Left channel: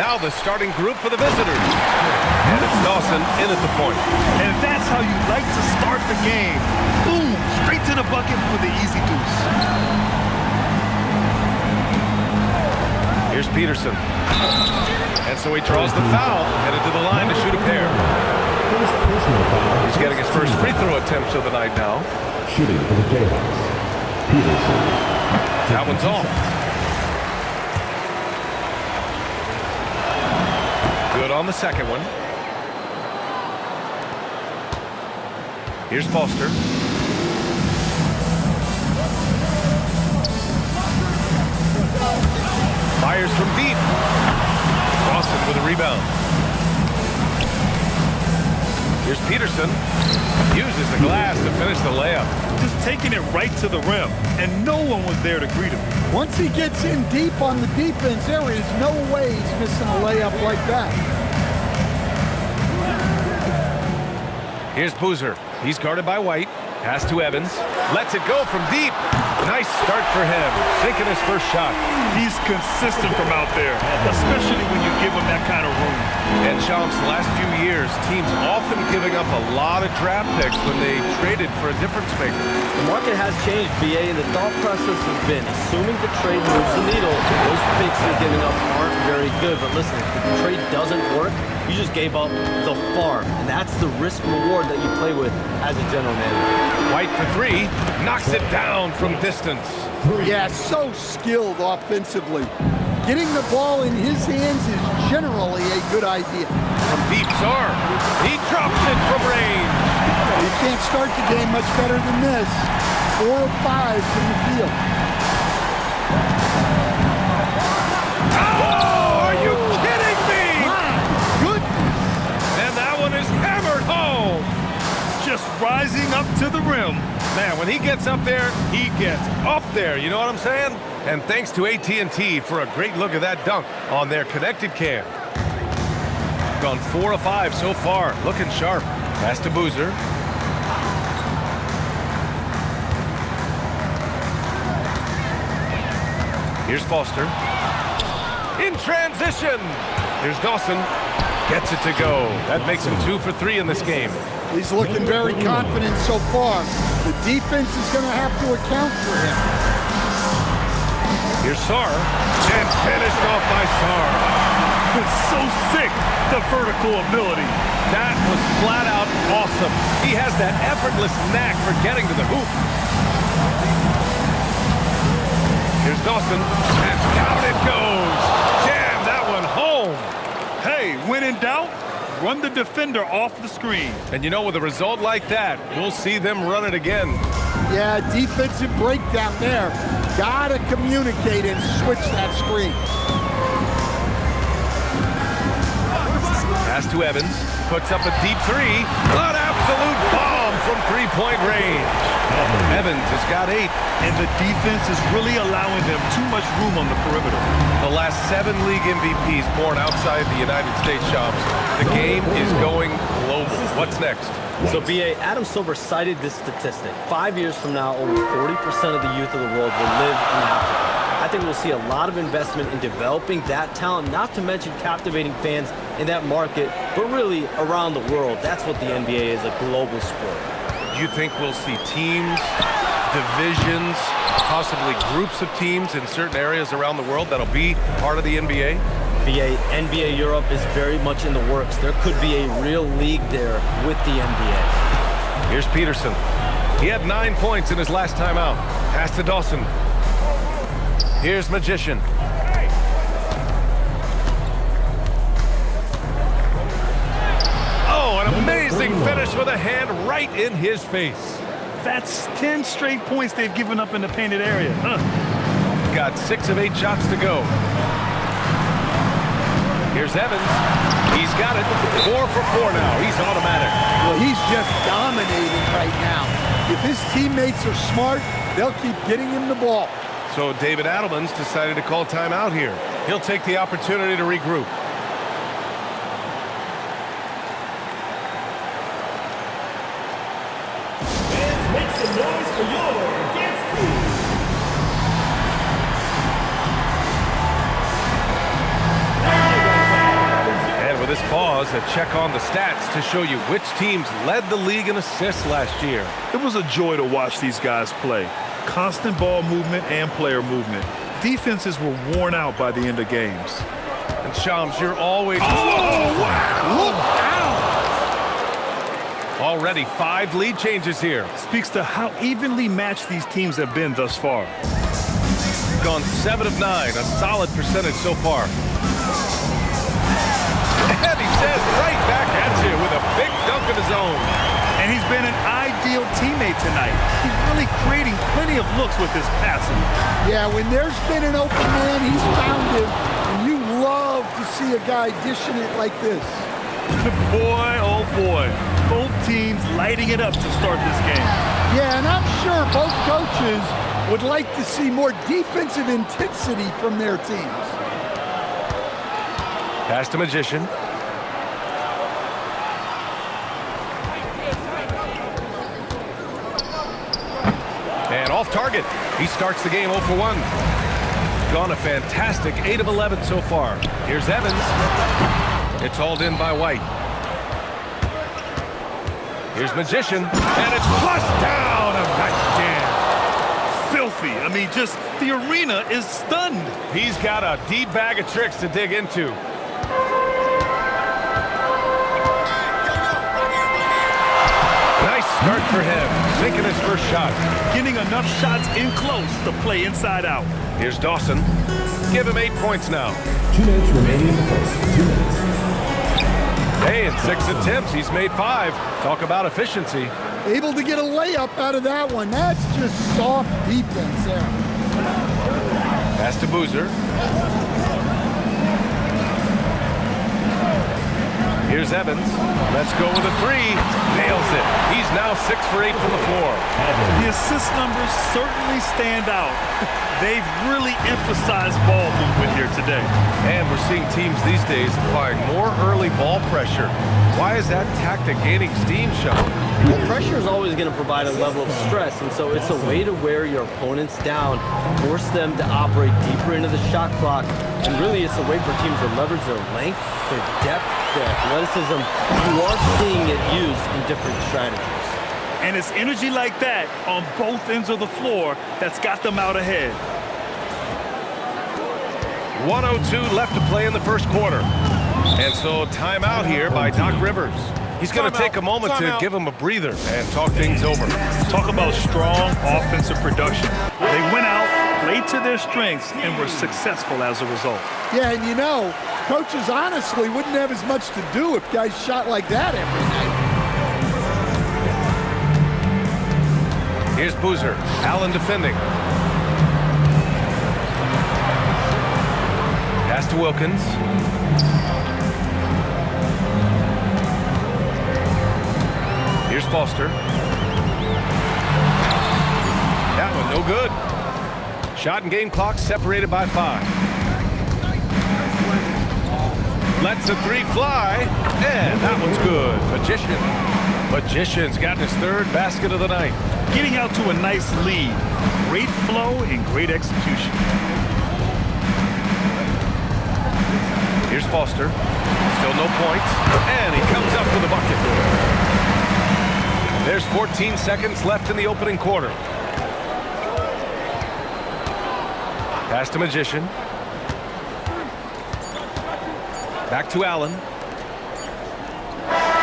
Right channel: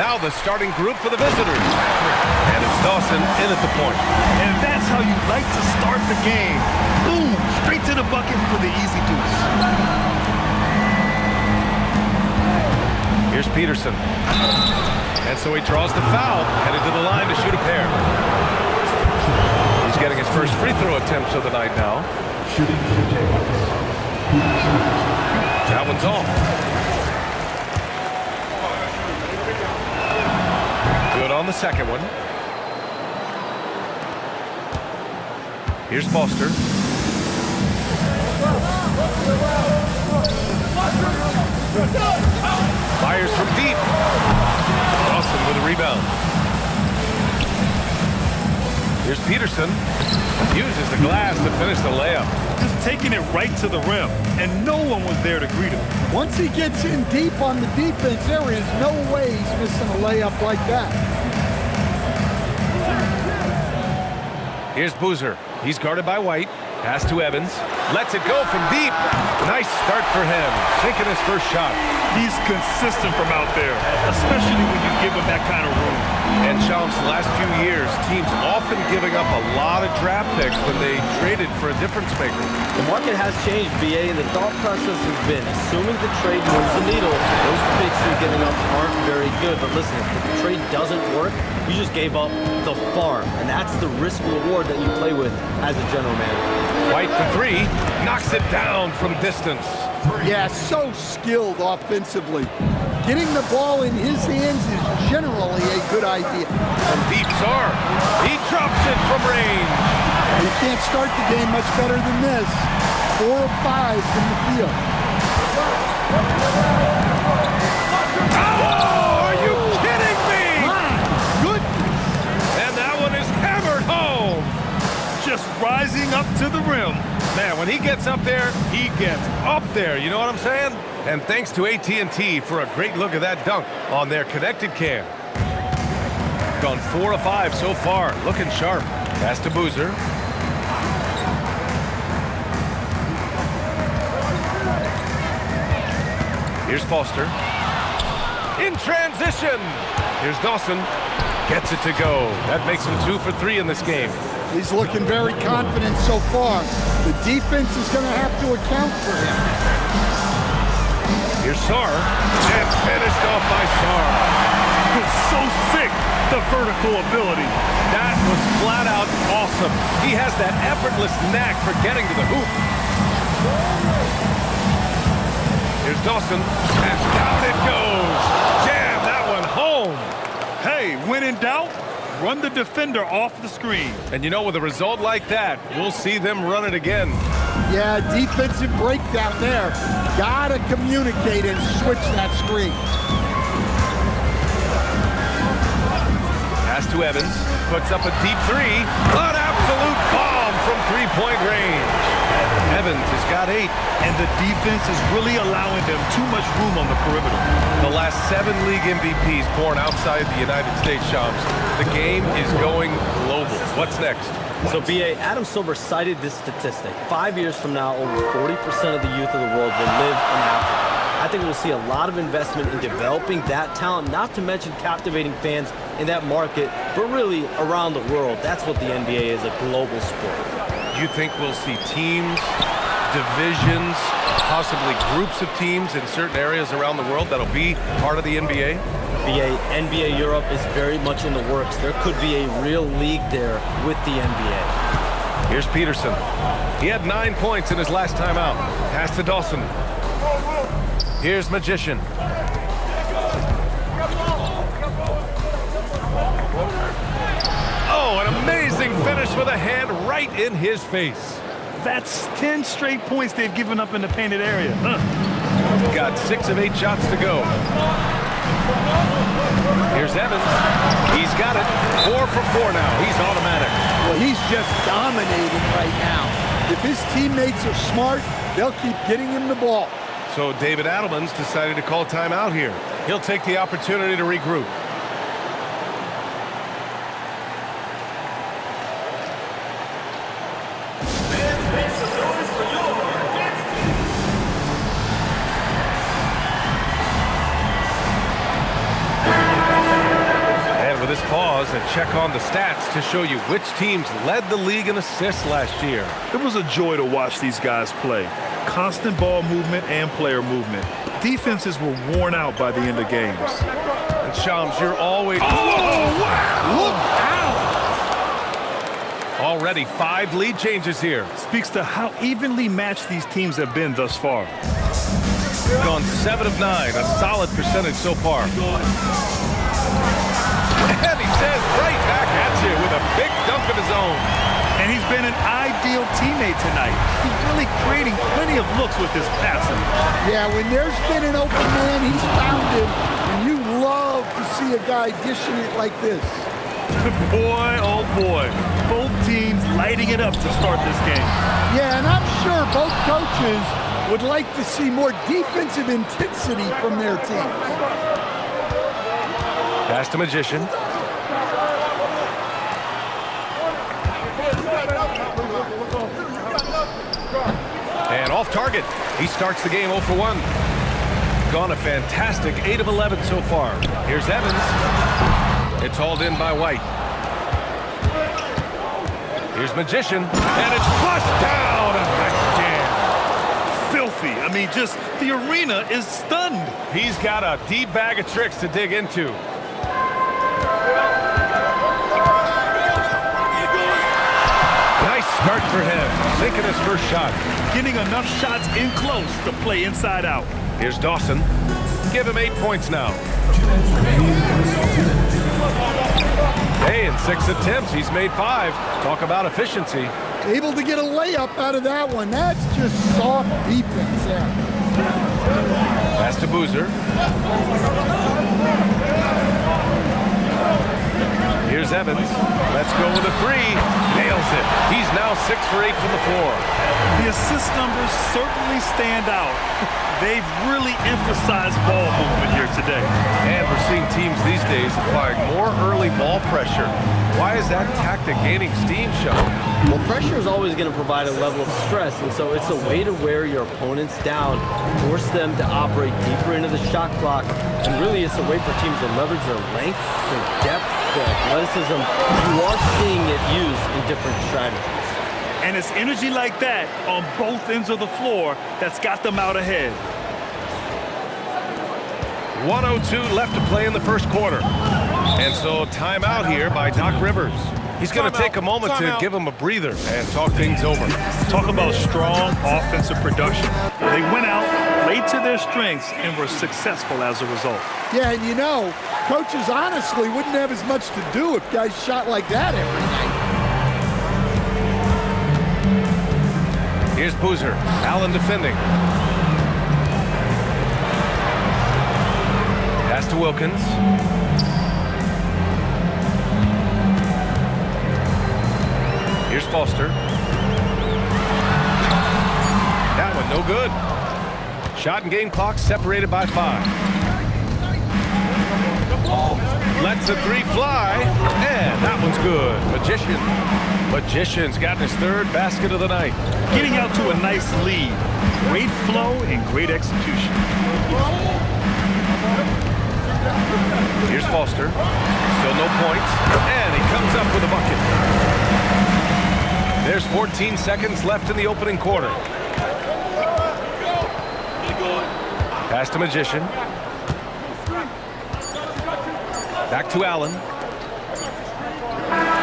Now the starting group for the visitors. And it's Dawson in at the point. And that's how you like to start the game. Boom, straight to the bucket for the easy deuce. Here's Peterson. And so he draws the foul, headed to the line to shoot a pair. He's getting his first free throw attempts of the night now. Shooting for the Jayhawks. Peterson. That one's off. Good on the second one. Here's Foster. Fires from deep. Dawson with a rebound. Here's Peterson. Uses the glass to finish the layup. Just taking it right to the rim, and no one was there to greet him. Once he gets in deep on the defense, there is no way he's missing a layup like that. Here's Boozer. He's guarded by White. Pass to Evans. Lets it go from deep. Nice start for him. Sinking his first shot. He's consistent from out there, especially when you give him that kind of room. And Shams, the last few years, teams often giving up a lot of draft picks when they traded for a difference maker. The market has changed, BA, and the thought process has been assuming the trade moves the needle. Those picks you're giving up aren't very good. But listen, if the trade doesn't work, you just gave up the farm. And that's the risk reward that you play with as a general manager. White for three. Knocks it down from distance. Yeah, so skilled offensively. Getting the ball in his hands is generally a good idea. From deep, Sarr. He drops it from range. You can't start the game much better than this. 4 of 5 from the field. Oh, are you kidding me? My goodness. And that one is hammered home. Just rising up to the rim. Man, when he gets up there, he gets up there. You know what I'm saying? And thanks to AT&T for a great look at that dunk on their connected cam. Gone 4 of 5 so far. Looking sharp. Pass to Boozer. Here's Foster. In transition. Here's Dawson. Gets it to go. That makes him 2 for 3 in this game. He's looking very confident so far. The defense is going to have to account for him. Here's Sarr. And finished off by Sarr. So sick, the vertical ability. That was flat out awesome. He has that effortless knack for getting to the hoop. Here's Dawson. And down it goes. Jam that one home. Hey, when in doubt, run the defender off the screen. And you know, with a result like that, we'll see them run it again. Yeah, defensive breakdown there. Gotta communicate and switch that screen. Pass to Evans. Puts up a deep three. An absolute bomb from three-point range. Evans has got 8. And the defense is really allowing them too much room on the perimeter. The last 7 league MVPs born outside the United States, Shams. The game is going global. What's next? So, BA, Adam Silver cited this statistic. 5 years from now, over 40% of the youth of the world will live in Africa. I think we'll see a lot of investment in developing that talent, not to mention captivating fans in that market, but really around the world. That's what the NBA is, a global sport. You think we'll see teams, divisions, possibly groups of teams in certain areas around the world that'll be part of the NBA? NBA Europe is very much in the works. There could be a real league there with the NBA. Here's Peterson. He had 9 points in his last time out. Pass to Dawson. Here's Magician. Oh, an amazing finish with a hand right in his face. That's 10 straight points they've given up in the painted area. Got 6 of 8 shots to go. Here's Evans. He's got it. 4 for 4 now. He's automatic. Well, he's just dominating right now. If his teammates are smart, they'll keep getting him the ball. So David Adelman's decided to call timeout here. He'll take the opportunity to regroup. with this pause, a check on the stats to show you which teams led the league in assists last year. It was a joy to watch these guys play. Constant ball movement and player movement. Defenses were worn out by the end of games. And Shams, you're always... Oh, wow! Look out! Already 5 lead changes here. Speaks to how evenly matched these teams have been thus far. Gone 7 of 9, a solid percentage so far. And he says right back at you with a big dunk of his own. And he's been an ideal teammate tonight. He's really creating plenty of looks with his passing. Yeah, when there's been an open man, he's found him. And you love to see a guy dishing it like this. Boy, oh boy. Both teams lighting it up to start this game. Yeah, and I'm sure both coaches would like to see more defensive intensity from their teams. Pass to Magician. And off target. He starts the game 0 for 1. Gone a fantastic 8 of 11 so far. Here's Evans. It's hauled in by White. Here's Magician. And it's flushed down. A nice jam. Filthy. I mean, just the arena is stunned. He's got a deep bag of tricks to dig into. Nice start for him, sinking his first shot. Getting enough shots in close to play inside out. Here's Dawson. Give him 8 points now. 2 minutes remaining in the first. 2 minutes. Hey, in 6 attempts, he's made 5. Talk about efficiency. Able to get a layup out of that one. That's just soft defense there. Pass to Boozer. Here's Evans. Let's go with a 3. Nails it. He's now 6 for 8 from the floor. The assist numbers certainly stand out. They've really emphasized ball movement here today. And we're seeing teams these days applying more early ball pressure. Why is that tactic gaining steam, Sean? Well, pressure is always going to provide a level of stress, and so it's a way to wear your opponents down, force them to operate deeper into the shot clock, and really it's a way for teams to leverage their length, their depth, their athleticism. You are seeing it used in different strategies. And it's energy like that on both ends of the floor that's got them out ahead. 1:02 left to play in the first quarter. And so timeout here by Doc Rivers. He's going to take a moment to give him a breather and talk things over. Talk about strong offensive production. They went out, played to their strengths, and were successful as a result. Yeah, and you know, coaches honestly wouldn't have as much to do if guys shot like that every night. Here's Boozer. Allen defending. Pass to Wilkins. Here's Foster. That one no good. Shot and game clock separated by 5. Lets a 3 fly, and that one's good. Magician's gotten his 3rd basket of the night. Getting out to a nice lead. Great flow and great execution. Here's Foster. Still no points, and he comes up with a bucket. There's 14 seconds left in the opening quarter. Pass to Magician. Back to Allen.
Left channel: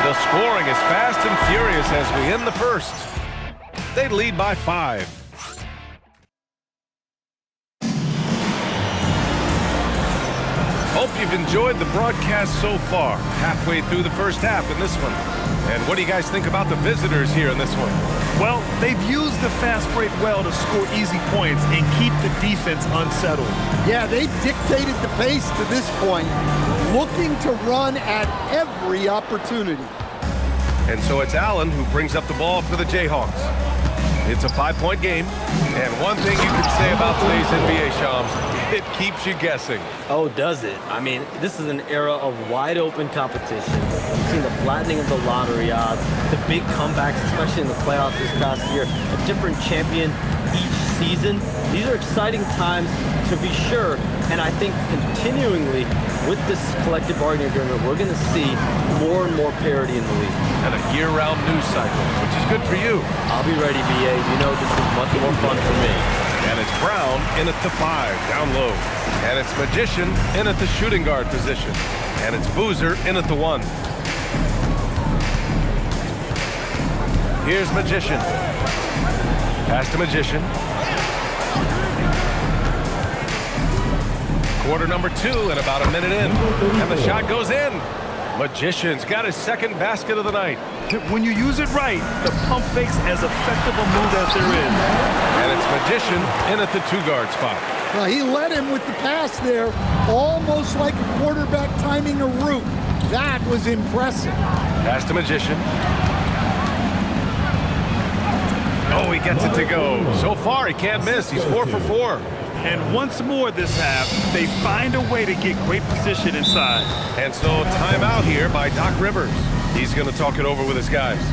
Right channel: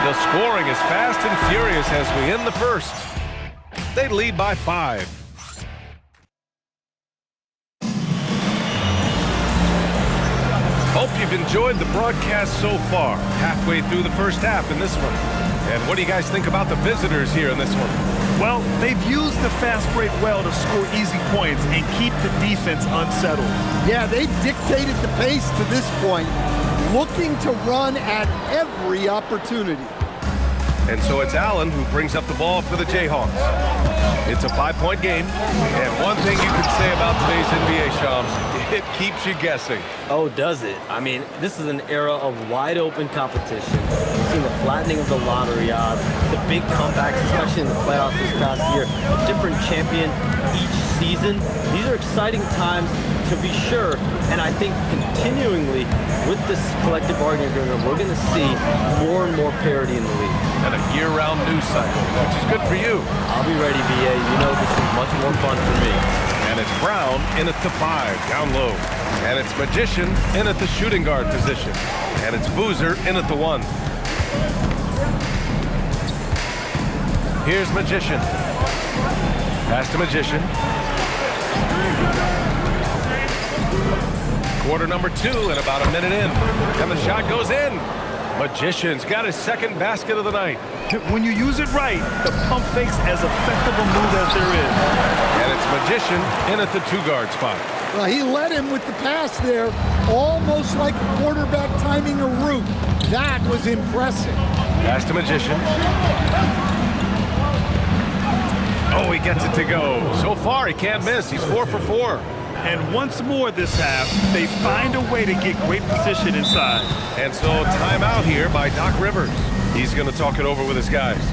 The scoring is fast and furious as we end the first. They lead by 5. Hope you've enjoyed the broadcast so far. Halfway through the first half in this one. And what do you guys think about the visitors here in this one? Well, they've used the fast break well to score easy points and keep the defense unsettled. Yeah, they've dictated the pace to this point, looking to run at every opportunity. And so it's Allen who brings up the ball for the Jayhawks. It's a 5-point game, and one thing you can say about today's NBA, Shams, it keeps you guessing. Oh, does it? I mean, this is an era of wide open competition. We've seen the flattening of the lottery odds, the big comebacks, especially in the playoffs this past year, a different champion each season. These are exciting times to be sure. And I think continuingly with this collective bargaining agreement, we're going to see more and more parity in the league. And a year-round news cycle, which is good for you. I'll be ready, BA. You know this is much more fun for me. And it's Brown in at the 5, down low. And it's Magician in at the shooting guard position. And it's Boozer in at the 1. Here's Magician. Pass to Magician. Quarter number 2 and about a minute in. And the shot goes in. Magician's got his second basket of the night. When you use it right, the pump fake's as effective a move as there is. And it's Magician in at the 2-guard spot. Well, he led him with the pass there, almost like a quarterback timing a route. That was impressive. Pass to Magician. Oh, he gets it to go. So far, he can't miss. He's 4 for 4. And once more this half, they find a way to get great position inside. And so timeout here by Doc Rivers. He's going to talk it over with his guys.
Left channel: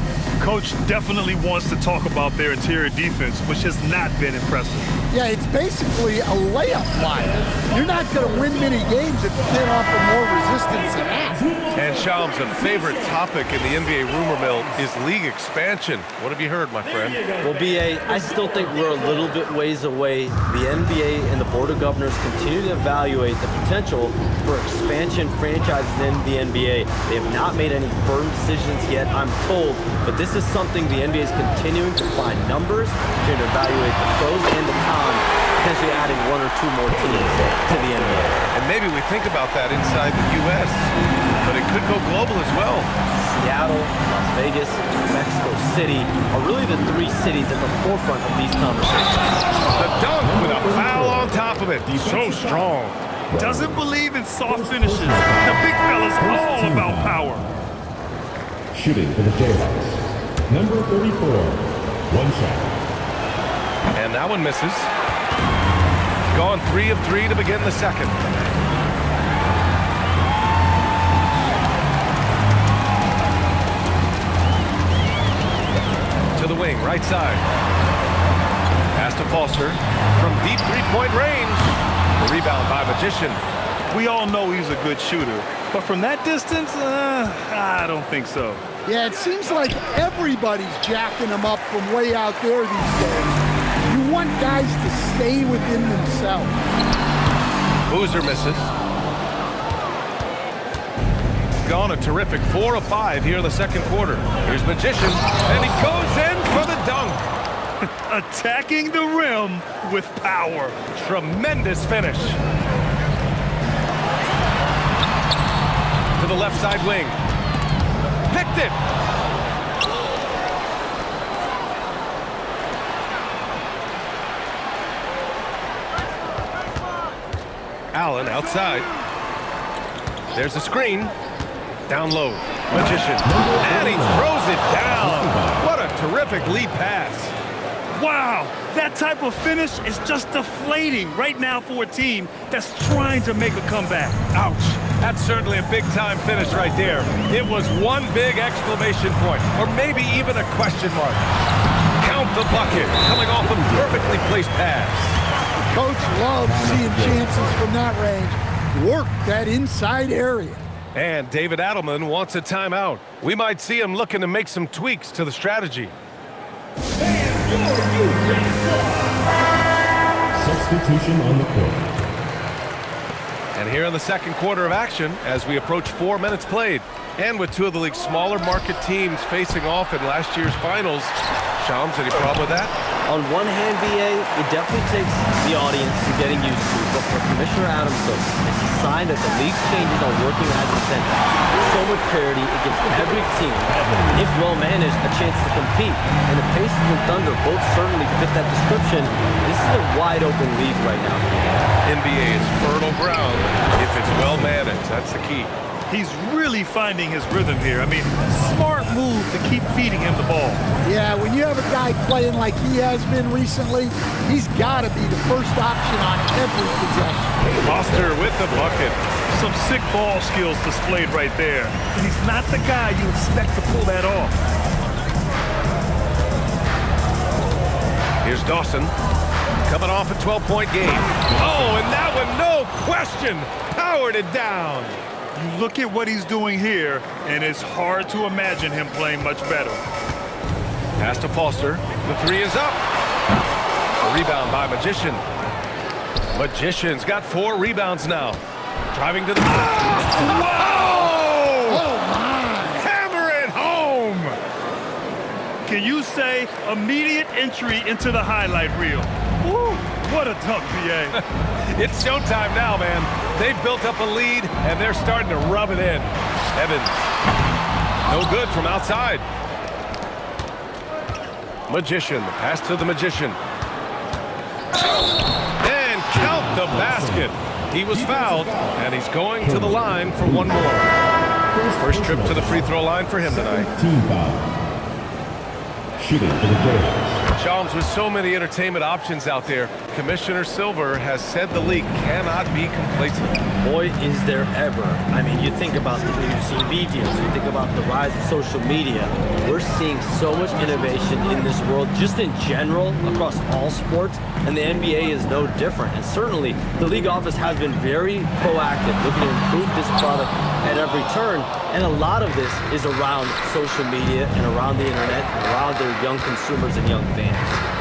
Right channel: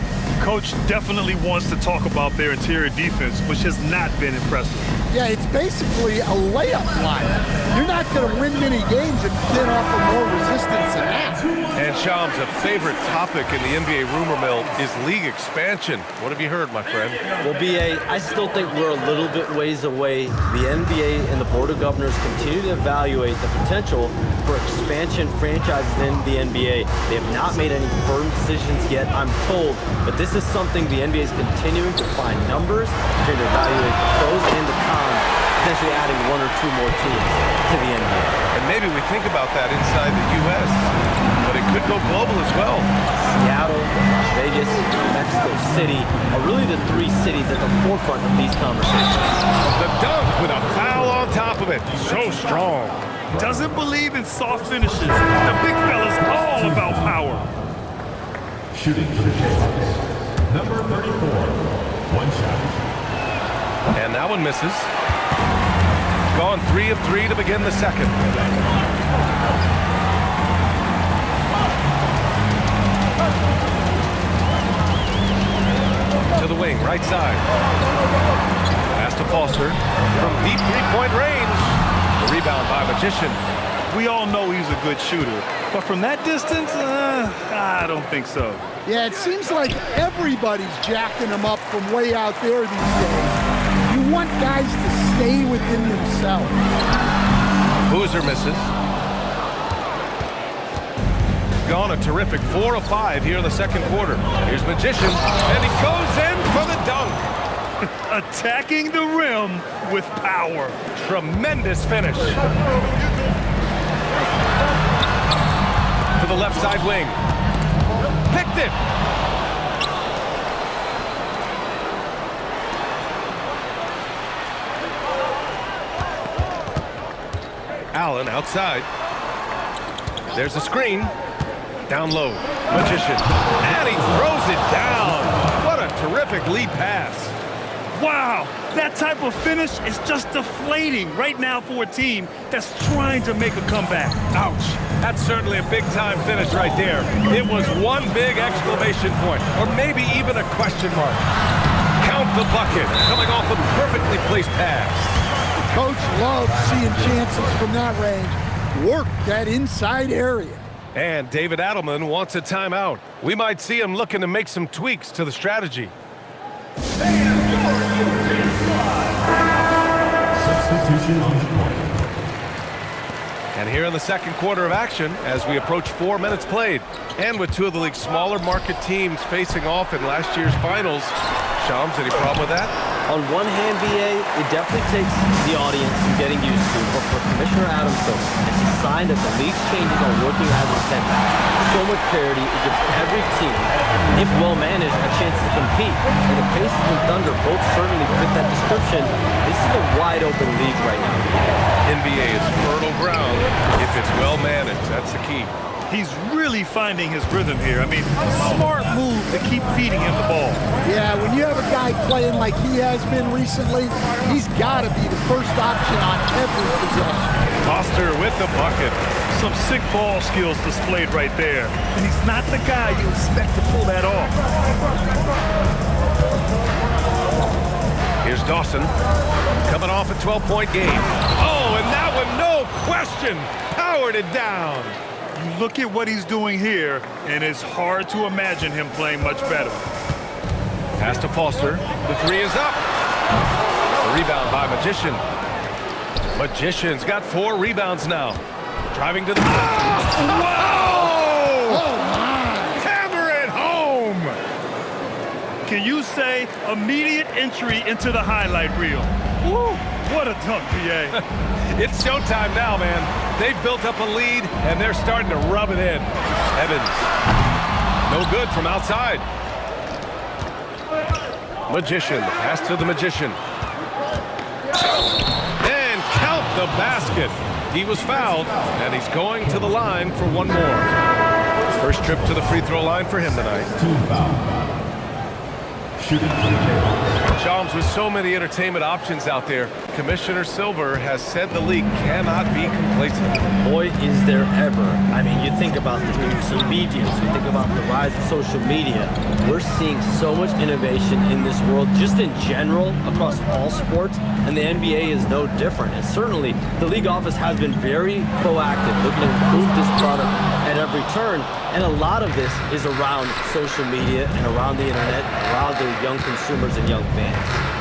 Coach definitely wants to talk about their interior defense, which has not been impressive. Yeah, it's basically a layup line. You're not going to win many games if you can't offer more resistance than that. And Shams, a favorite topic in the NBA rumor mill is league expansion. What have you heard, my friend? Well, BA, I still think we're a little bit ways away. The NBA and the Board of Governors continue to evaluate the potential for expansion franchises in the NBA. They have not made any firm decisions yet, I'm told, but this is something the NBA is continuing to find numbers, trying to evaluate the pros and the cons, potentially adding 1 or 2 more teams to the NBA. And maybe we think about that inside the U.S., but it could go global as well. Seattle, Las Vegas, Mexico City are really the 3 cities at the forefront of these conversations. The dunk with a foul on top of it. He's so strong. Doesn't believe in soft finishes. The big fella's all about power. Shooting for the Jayhawks. Number 34, 1 shot. And that one misses. Gone 3 of 3 to begin the second. To the wing, right side. Pass to Foster from deep 3-point range. The rebound by Magician. We all know he's a good shooter, but from that distance, I don't think so. Yeah, it seems like everybody's jacking him up from way out there these days. You want guys to stay within themselves. Boozer misses. Gone a terrific 4 of 5 here in the second quarter. Here's Magician, and he goes in for the dunk. Attacking the rim with power. Tremendous finish. To the left side wing. Picked it. Allen outside. There's a screen. Down low. Magician. And he throws it down. What a terrific lead pass. Wow, that type of finish is just deflating right now for a team that's trying to make a comeback. Ouch. That's certainly a big-time finish right there. It was one big exclamation point, or maybe even a question mark. Count the bucket, coming off a perfectly placed pass. The coach loves seeing chances from that range. Work that inside area. And David Adelman wants a timeout. We might see him looking to make some tweaks to the strategy. Substitution on the court. And here in the second quarter of action, as we approach 4 minutes played, and with 2 of the league's smaller market teams facing off in last year's finals. Shams, any problem with that? On one hand, BA, it definitely takes the audience some getting used to, but for Commissioner Adamson, it's a sign that the league's changes are working as intended. So much parity, it gives every team, if well managed, a chance to compete. And the Pacers and Thunder both certainly fit that description. This is a wide open league right now, BA. NBA is fertile ground if it's well managed. That's the key. He's really finding his rhythm here. I mean, smart move to keep feeding him the ball. Yeah, when you have a guy playing like he has been recently, he's got to be the first option on every possession. Foster with the bucket. Some sick ball skills displayed right there. And he's not the guy you expect to pull that off. Here's Dawson. Coming off a 12-point game. Oh, and and that one, no question, powered it down. You look at what he's doing here, and it's hard to imagine him playing much better. Pass to Foster. The three is up. The rebound by Magician. Magician's got 4 rebounds now. Driving to the... Wow! Oh, my. Hammer it home! Can you say immediate entry into the highlight reel? Woo, what a dunk, BA. It's showtime now, man. They've built up a lead, and they're starting to rub it in. Evans. No good from outside. Magician. The pass to the Magician. And count the basket. He was fouled, and he's going to the line for one more. First trip to the free throw line for him tonight. Team foul. Shooting for the Jayhawks. Shams, with so many entertainment options out there, Commissioner Silver has said the league cannot be complacent. Boy, is there ever. I mean, you think about the new TV deals, you think about the rise of social media. We're seeing so much innovation in this world, just in general, across all sports, and the NBA is no different. And certainly, the league office has been very proactive, looking to improve this product at every turn. And a lot of this is around social media and around the internet, and around their young consumers and young fans.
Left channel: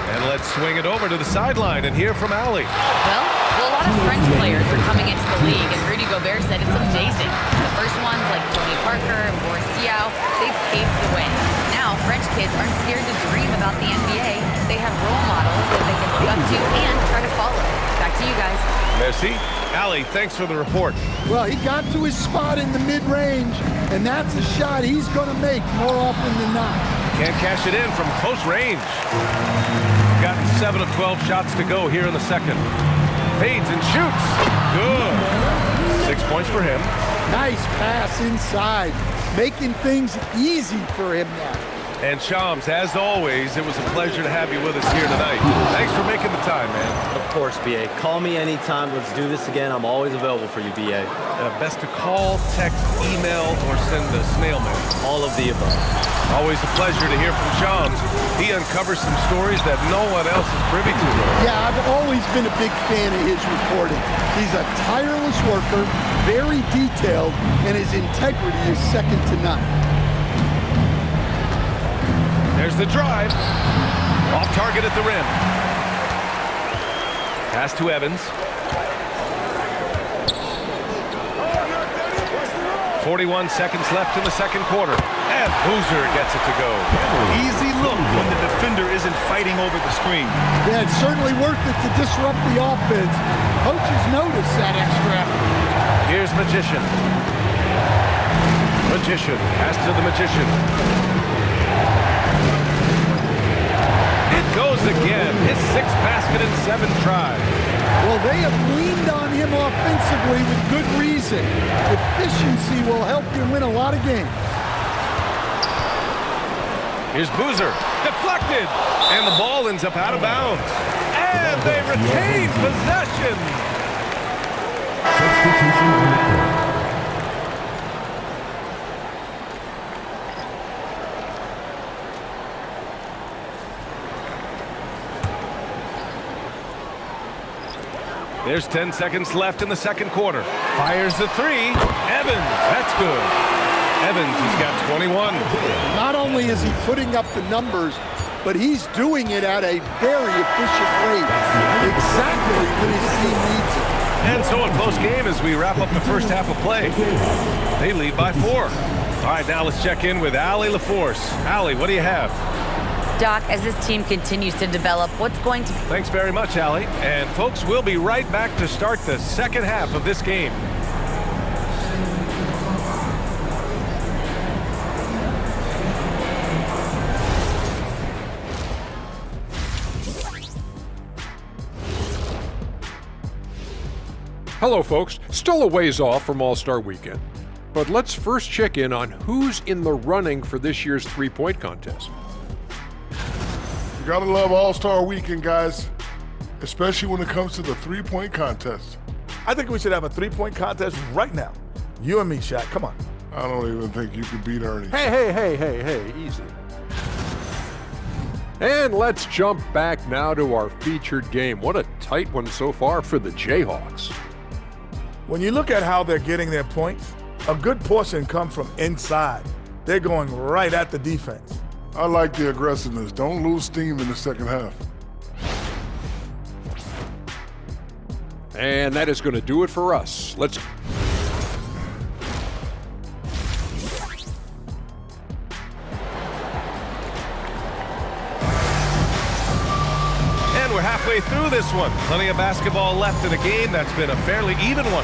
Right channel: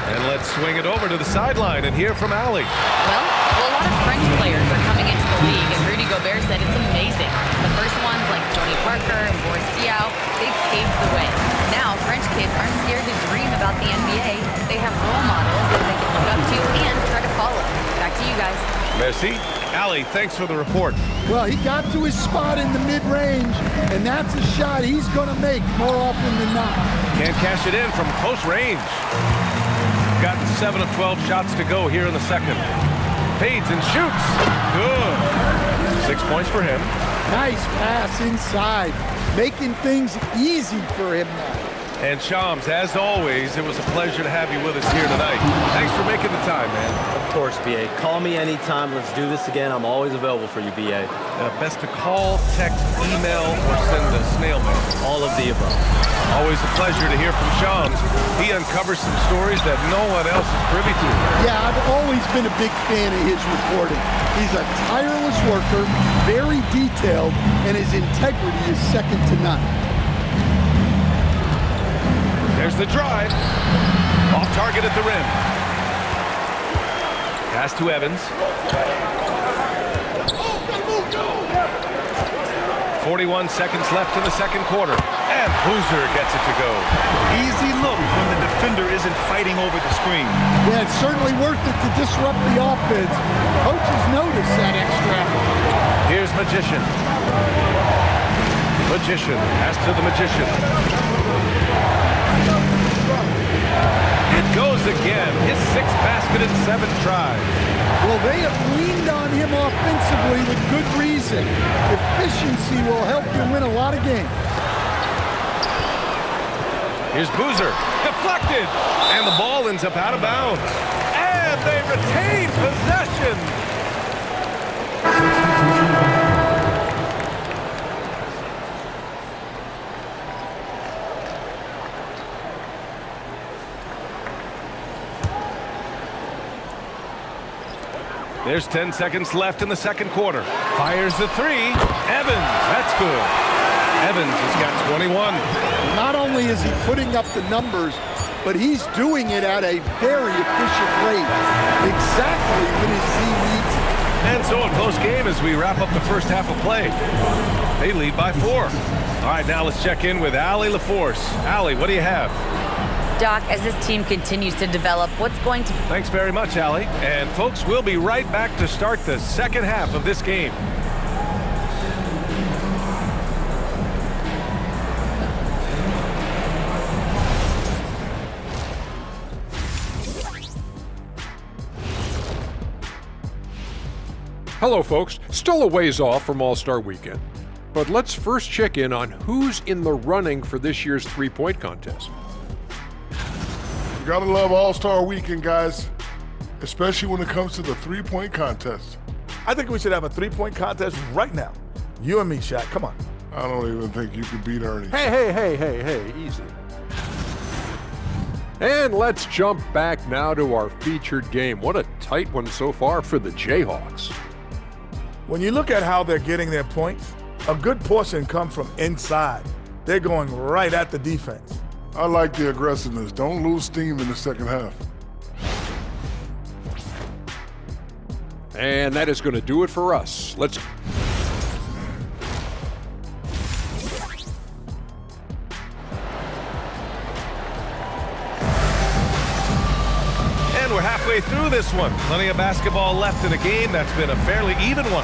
And let's swing it over to the sideline and hear from Allie. Well, a lot of French players are coming into the league, and Rudy Gobert said it's amazing. The first ones, like Tony Parker and Boris Diaw, they paved the way. Now, French kids aren't scared to dream about the NBA. They have role models that they can look up to and try to follow. Back to you guys. Merci. Allie, thanks for the report. Well, he got to his spot in the mid-range, and that's a shot he's going to make more often than not. Can't cash it in from close range. Gotten 7 of 12 shots to go here in the second. Fades and shoots. Good. 6 points for him. Nice pass inside, making things easy for him now. And Shams, as always, it was a pleasure to have you with us here tonight. Thanks for making the time, man. Of course, BA. Call me anytime. Let's do this again. I'm always available for you, BA. Best to call, text, email, or send a snail mail. All of the above. Always a pleasure to hear from Shams. He uncovers some stories that no one else is privy to. Yeah, I've always been a big fan of his reporting. He's a tireless worker, very detailed, and his integrity is second to none. There's the drive. Off target at the rim. Pass to Evans. 41 seconds left in the second quarter. And Boozer gets it to go. Easy look when the defender isn't fighting over the screen. Yeah, it's certainly worth it to disrupt the offense. Coaches notice that extra effort. Here's Magician. Magician. Pass to the Magician. It goes again. His 6th basket in 7 tries. Well, they have leaned on him offensively with good reason. Efficiency will help you win a lot of games. Here's Boozer. Deflected. And the ball ends up out of bounds. And they retain possession. Substitution on the court. There's 10 seconds left in the second quarter. Fires the 3. Evans, that's good. Evans has got 21. Not only is he putting up the numbers, but he's doing it at a very efficient rate, exactly when his team needs it. And so a close game as we wrap up the first half of play. They lead by 4. All right, now let's check in with Allie LaForce. Allie, what do you have? Doc, as this team continues to develop, what's going to... Thanks very much, Allie. And folks, we'll be right back to start the second half of this game. Hello, folks. Still a ways off from All-Star Weekend, but let's first check in on who's in the running for this year's three-point contest. You gotta love All-Star Weekend, guys, especially when it comes to the three-point contest. I think we should have a three-point contest right now. You and me, Shaq. Come on. I don't even think you could beat Ernie. Hey, easy. And let's jump back now to our featured game. What a tight one so far for the Jayhawks. When you look at how they're getting their points, a good portion come from inside. They're going right at the defense. I like the aggressiveness. Don't lose steam in the second half. And that is going to do it for us. Let's... And we're halfway through this one. Plenty of basketball left in a game that's been a fairly even one.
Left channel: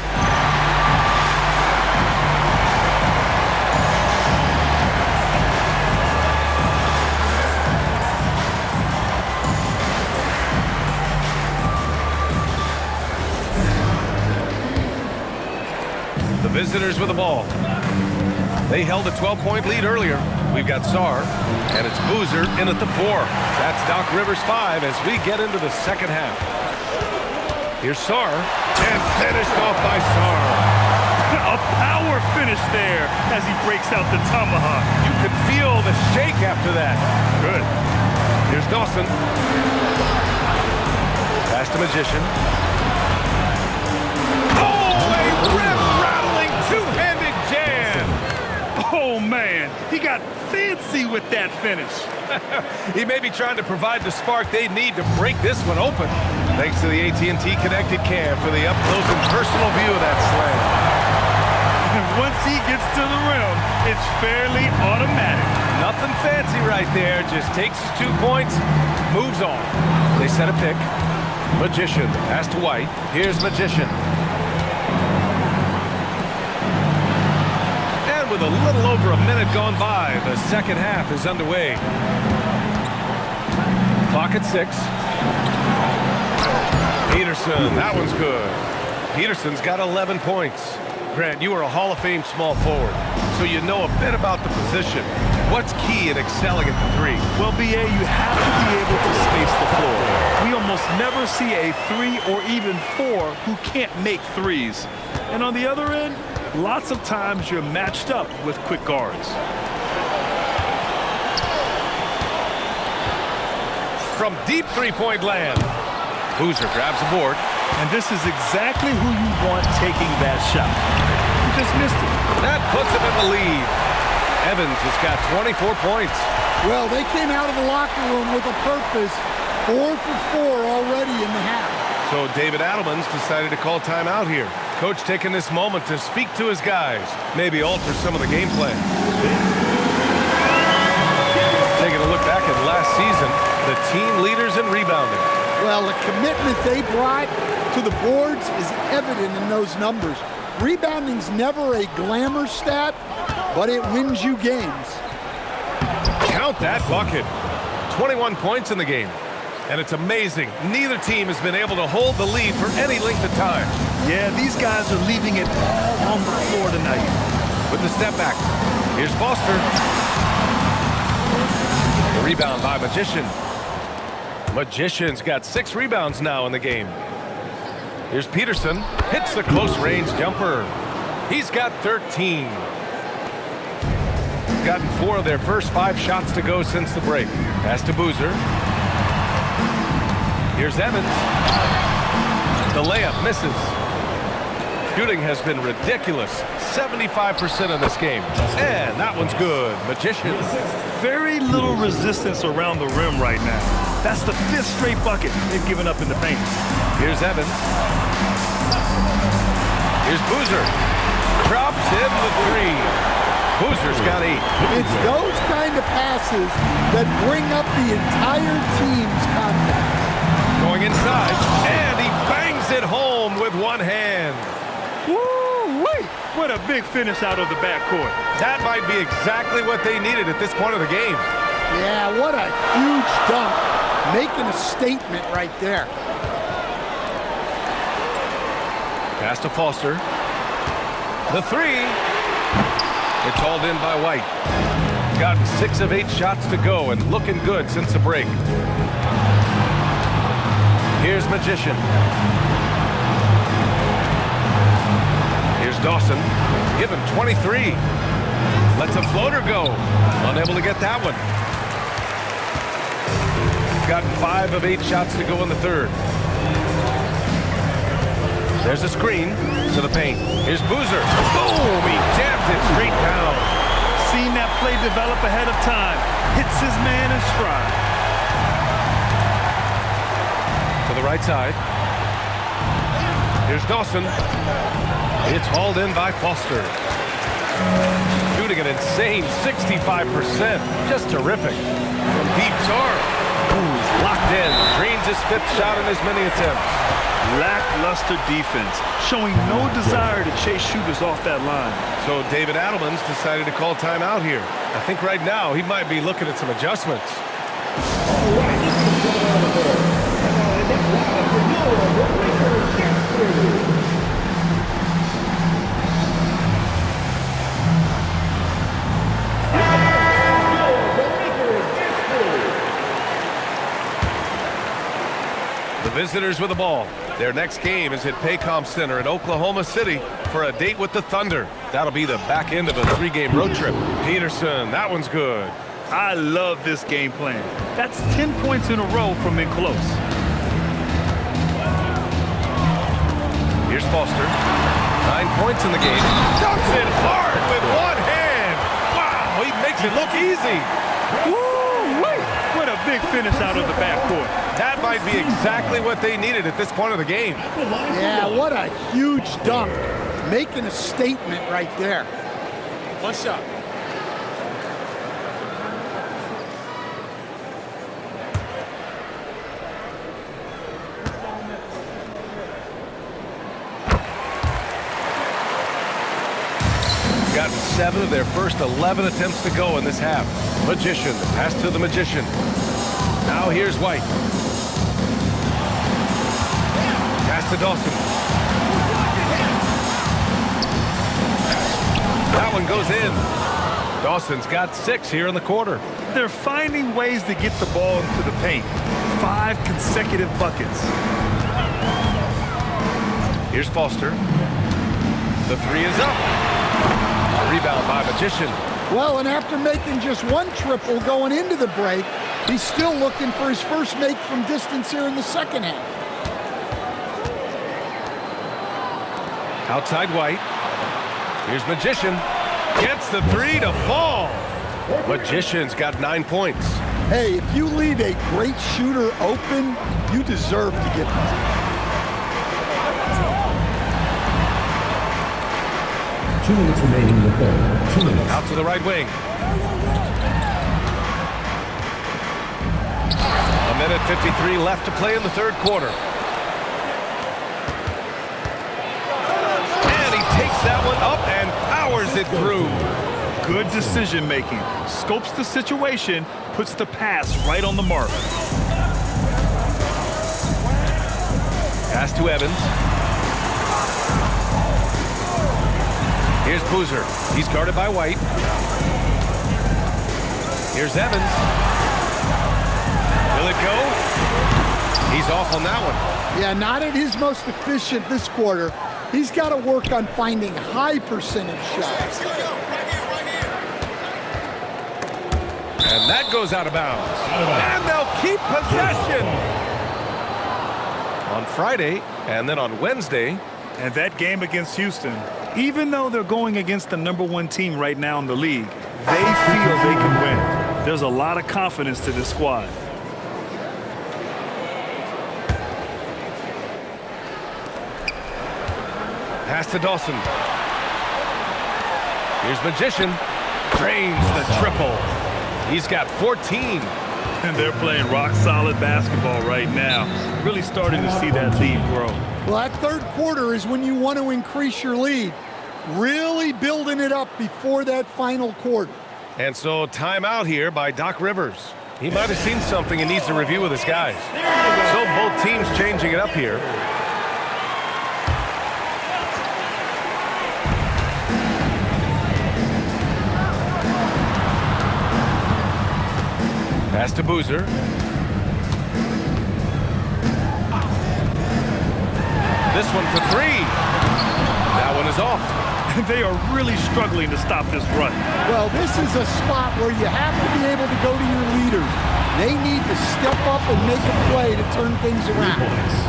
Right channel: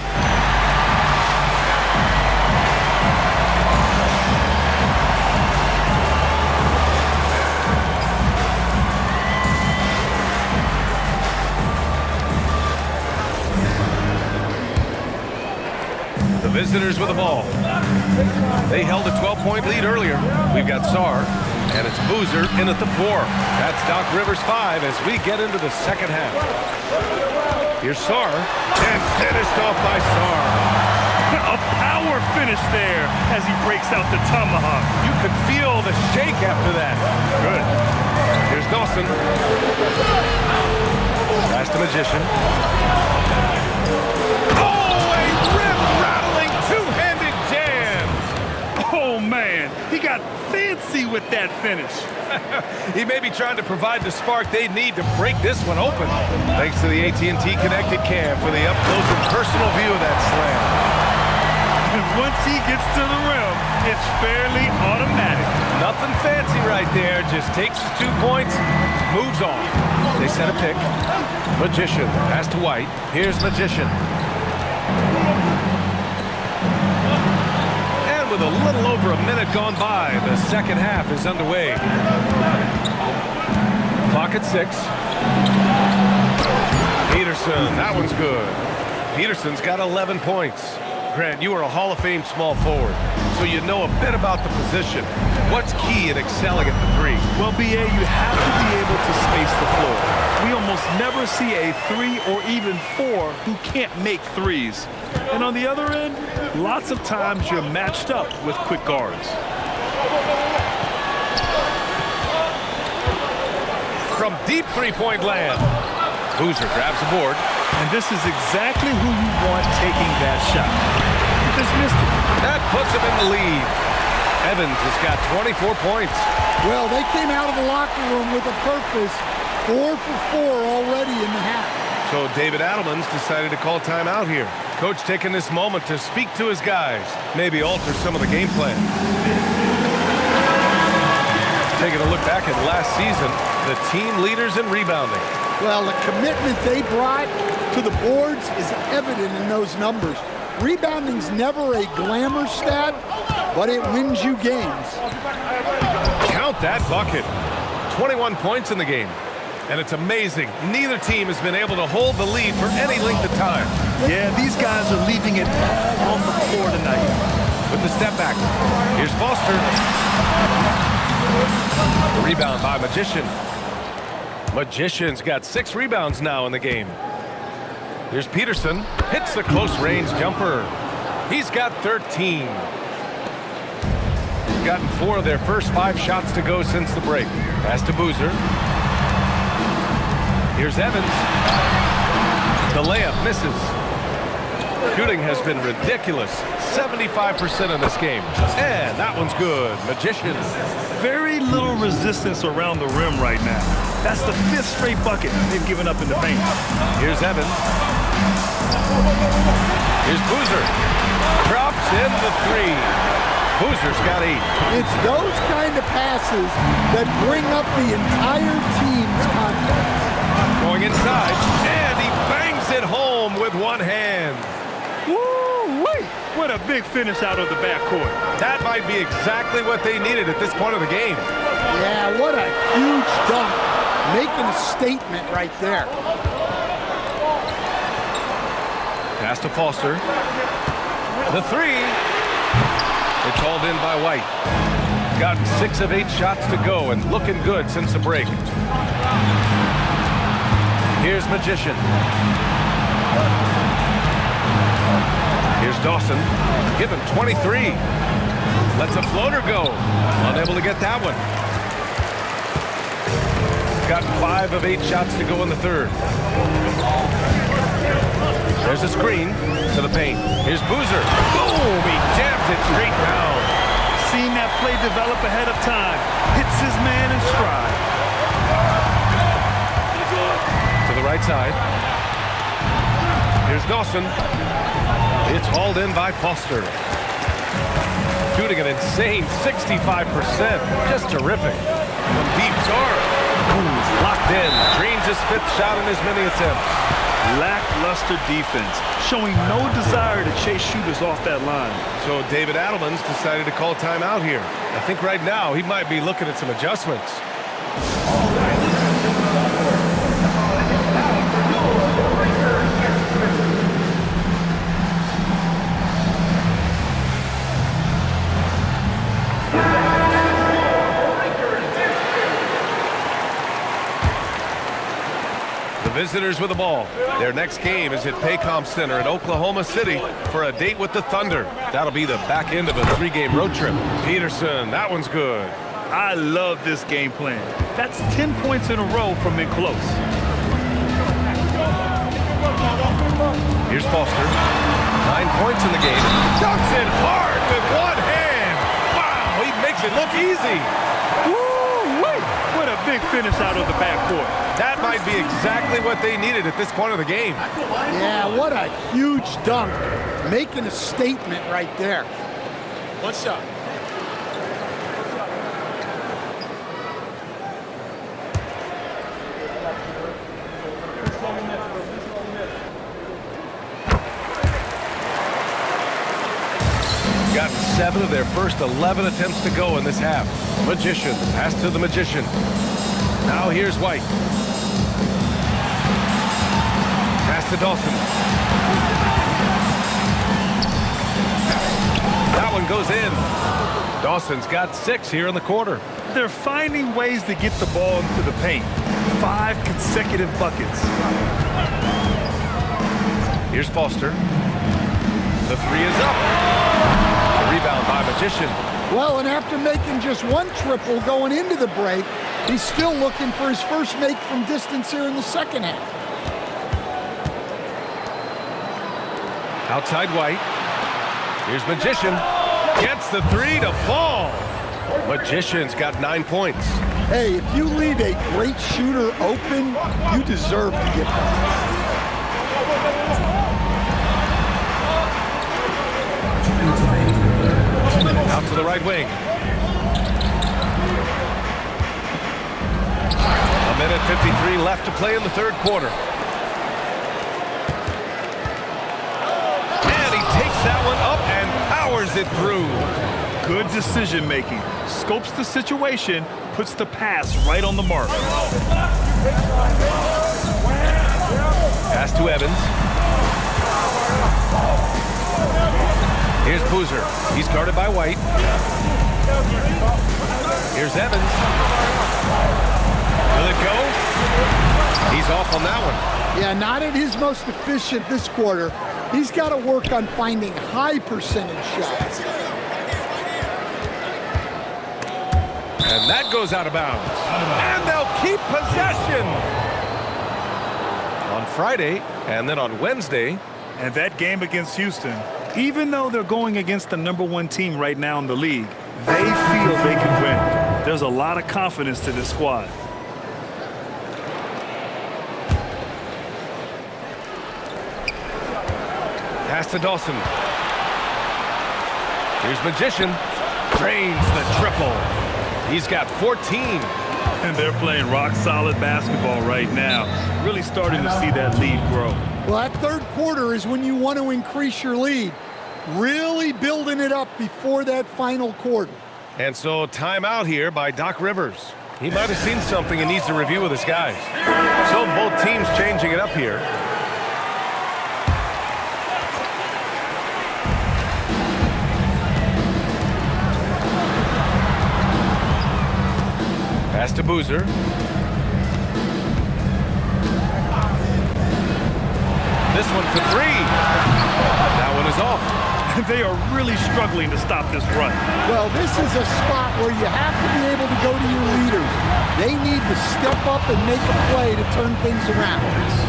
The visitors with the ball. They held a 12-point lead earlier. We've got Sarr, and it's Boozer in at the 4. That's Doc Rivers 5 as we get into the second half. Here's Sarr, and finished off by Sarr. A power finish there as he breaks out the tomahawk. You could feel the shake after that. Good. Here's Dawson. Pass to Magician. Oh, a rim-rattling two-handed jam. Oh, man. He got fancy with that finish. He may be trying to provide the spark they need to break this one open. Thanks to the AT&T Connected Cam for the up-close and personal view of that slam. And once he gets to the rim, it's fairly automatic. Nothing fancy right there. Just takes his 2 points, moves on. They set a pick. Magician, pass to White. Here's Magician. And with a little over a minute gone by, the second half is underway. Clock at 6. Peterson, that one's good. Peterson's got 11 points. Grant, you are a Hall of Fame small forward, so you know a bit about the position. What's key in excelling at the 3? Well, B.A., you have to be able to space the floor. We almost never see a 3 or even 4 who can't make threes. And on the other end, lots of times you're matched up with quick guards. From deep three-point land, Boozer grabs the board. And this is exactly who you want taking that shot. He just missed it. That puts him in the lead. Evans has got 24 points. Well, they came out of the locker room with a purpose. 4 for 4 already in the half. So David Adelman's decided to call timeout here. Coach taking this moment to speak to his guys, maybe alter some of the game plan. Taking a look back at last season, the team leaders in rebounding. Well, the commitment they brought to the boards is evident in those numbers. Rebounding's never a glamour stat, but it wins you games. Count that bucket. 21 points in the game. And it's amazing. Neither team has been able to hold the lead for any length of time. Yeah, these guys are leaving it all on the floor tonight. With the step back, here's Foster. The rebound by Magician. Magician's got 6 rebounds now in the game. Here's Peterson. Hits the close-range jumper. He's got 13. Gotten 4 of their first 5 shots to go since the break. Pass to Boozer. Here's Evans. The layup misses. Shooting has been ridiculous. 75% in this game. And that one's good. Magician. Very little resistance around the rim right now. That's the 5th straight bucket they've given up in the paint. Here's Evans. Here's Boozer. Drops in the 3. Boozer's got 8. It's those kind of passes that bring up the entire team's confidence. Going inside, and he bangs it home with one hand. Woo-wee! What a big finish out of the backcourt. That might be exactly what they needed at this point of the game. Yeah, what a huge dunk. Making a statement right there. Pass to Foster. The 3. It's hauled in by White. Gotten 6 of 8 shots to go and looking good since the break. Here's Magician. Here's Dawson. Give him 23. Lets a floater go. Unable to get that one. gotten 5 of 8 shots to go in the third. There's a screen to the paint. Here's Boozer. Boom! He jams it straight down. Seen that play develop ahead of time. Hits his man in stride. To the right side. Here's Dawson. It's hauled in by Foster. Shooting an insane 65%. Just terrific. From deep, Sarr. He's locked in. Drains his 5th shot in as many attempts. Lackluster defense, showing no desire to chase shooters off that line. So David Adelman's decided to call timeout here. I think right now he might be looking at some adjustments. The visitors with the ball. Their next game is at Paycom Center in Oklahoma City for a date with the Thunder. That'll be the back end of a 3-game road trip. Peterson, that one's good. I love this game plan. That's 10 points in a row from in close. Here's Foster. 9 points in the game. Dunks it hard with one hand. Wow, he makes it look easy. Woo-wee! What a big finish out of the backcourt. That might be exactly what they needed at this point of the game. Yeah, what a huge dunk. Making a statement right there. One shot. Gotten 7 of their first 11 attempts to go in this half. Magician, the pass to the Magician. Now here's White. Pass to Dawson. That one goes in. Dawson's got 6 here in the quarter. They're finding ways to get the ball into the paint. 5 consecutive buckets. Here's Foster. The 3 is up. The rebound by Magician. Well, and after making just 1 triple going into the break, he's still looking for his first make from distance here in the second half. Outside White. Here's Magician. Gets the 3 to fall. Magician's got 9 points. Hey, if you leave a great shooter open, you deserve to get back. 2 minutes remaining in the third. 2 minutes. Out to the right wing. 1:53 left to play in the third quarter. And he takes that one up and powers it through. Good decision making. Scopes the situation, puts the pass right on the mark. Pass to Evans. Here's Boozer. He's guarded by White. Here's Evans. Will it go? He's off on that one. Yeah, not at his most efficient this quarter. He's got to work on finding high percentage shots. And that goes out of bounds. And they'll keep possession. On Friday and then on Wednesday. And that game against Houston, even though they're going against the #1 team right now in the league, they feel they could win. There's a lot of confidence to this squad. Pass to Dawson. Here's Magician. Drains the triple. He's got 14. And they're playing rock-solid basketball right now. Really starting to see that lead grow. Well, that third quarter is when you want to increase your lead. Really building it up before that final quarter. And so timeout here by Doc Rivers. He might have seen something and needs to review with his guys. So both teams changing it up here. Pass to Boozer. This one for 3. That one is off. And they are really struggling to stop this run. Well, this is a spot where you have to be able to go to your leaders. They need to step up and make a play to turn things around.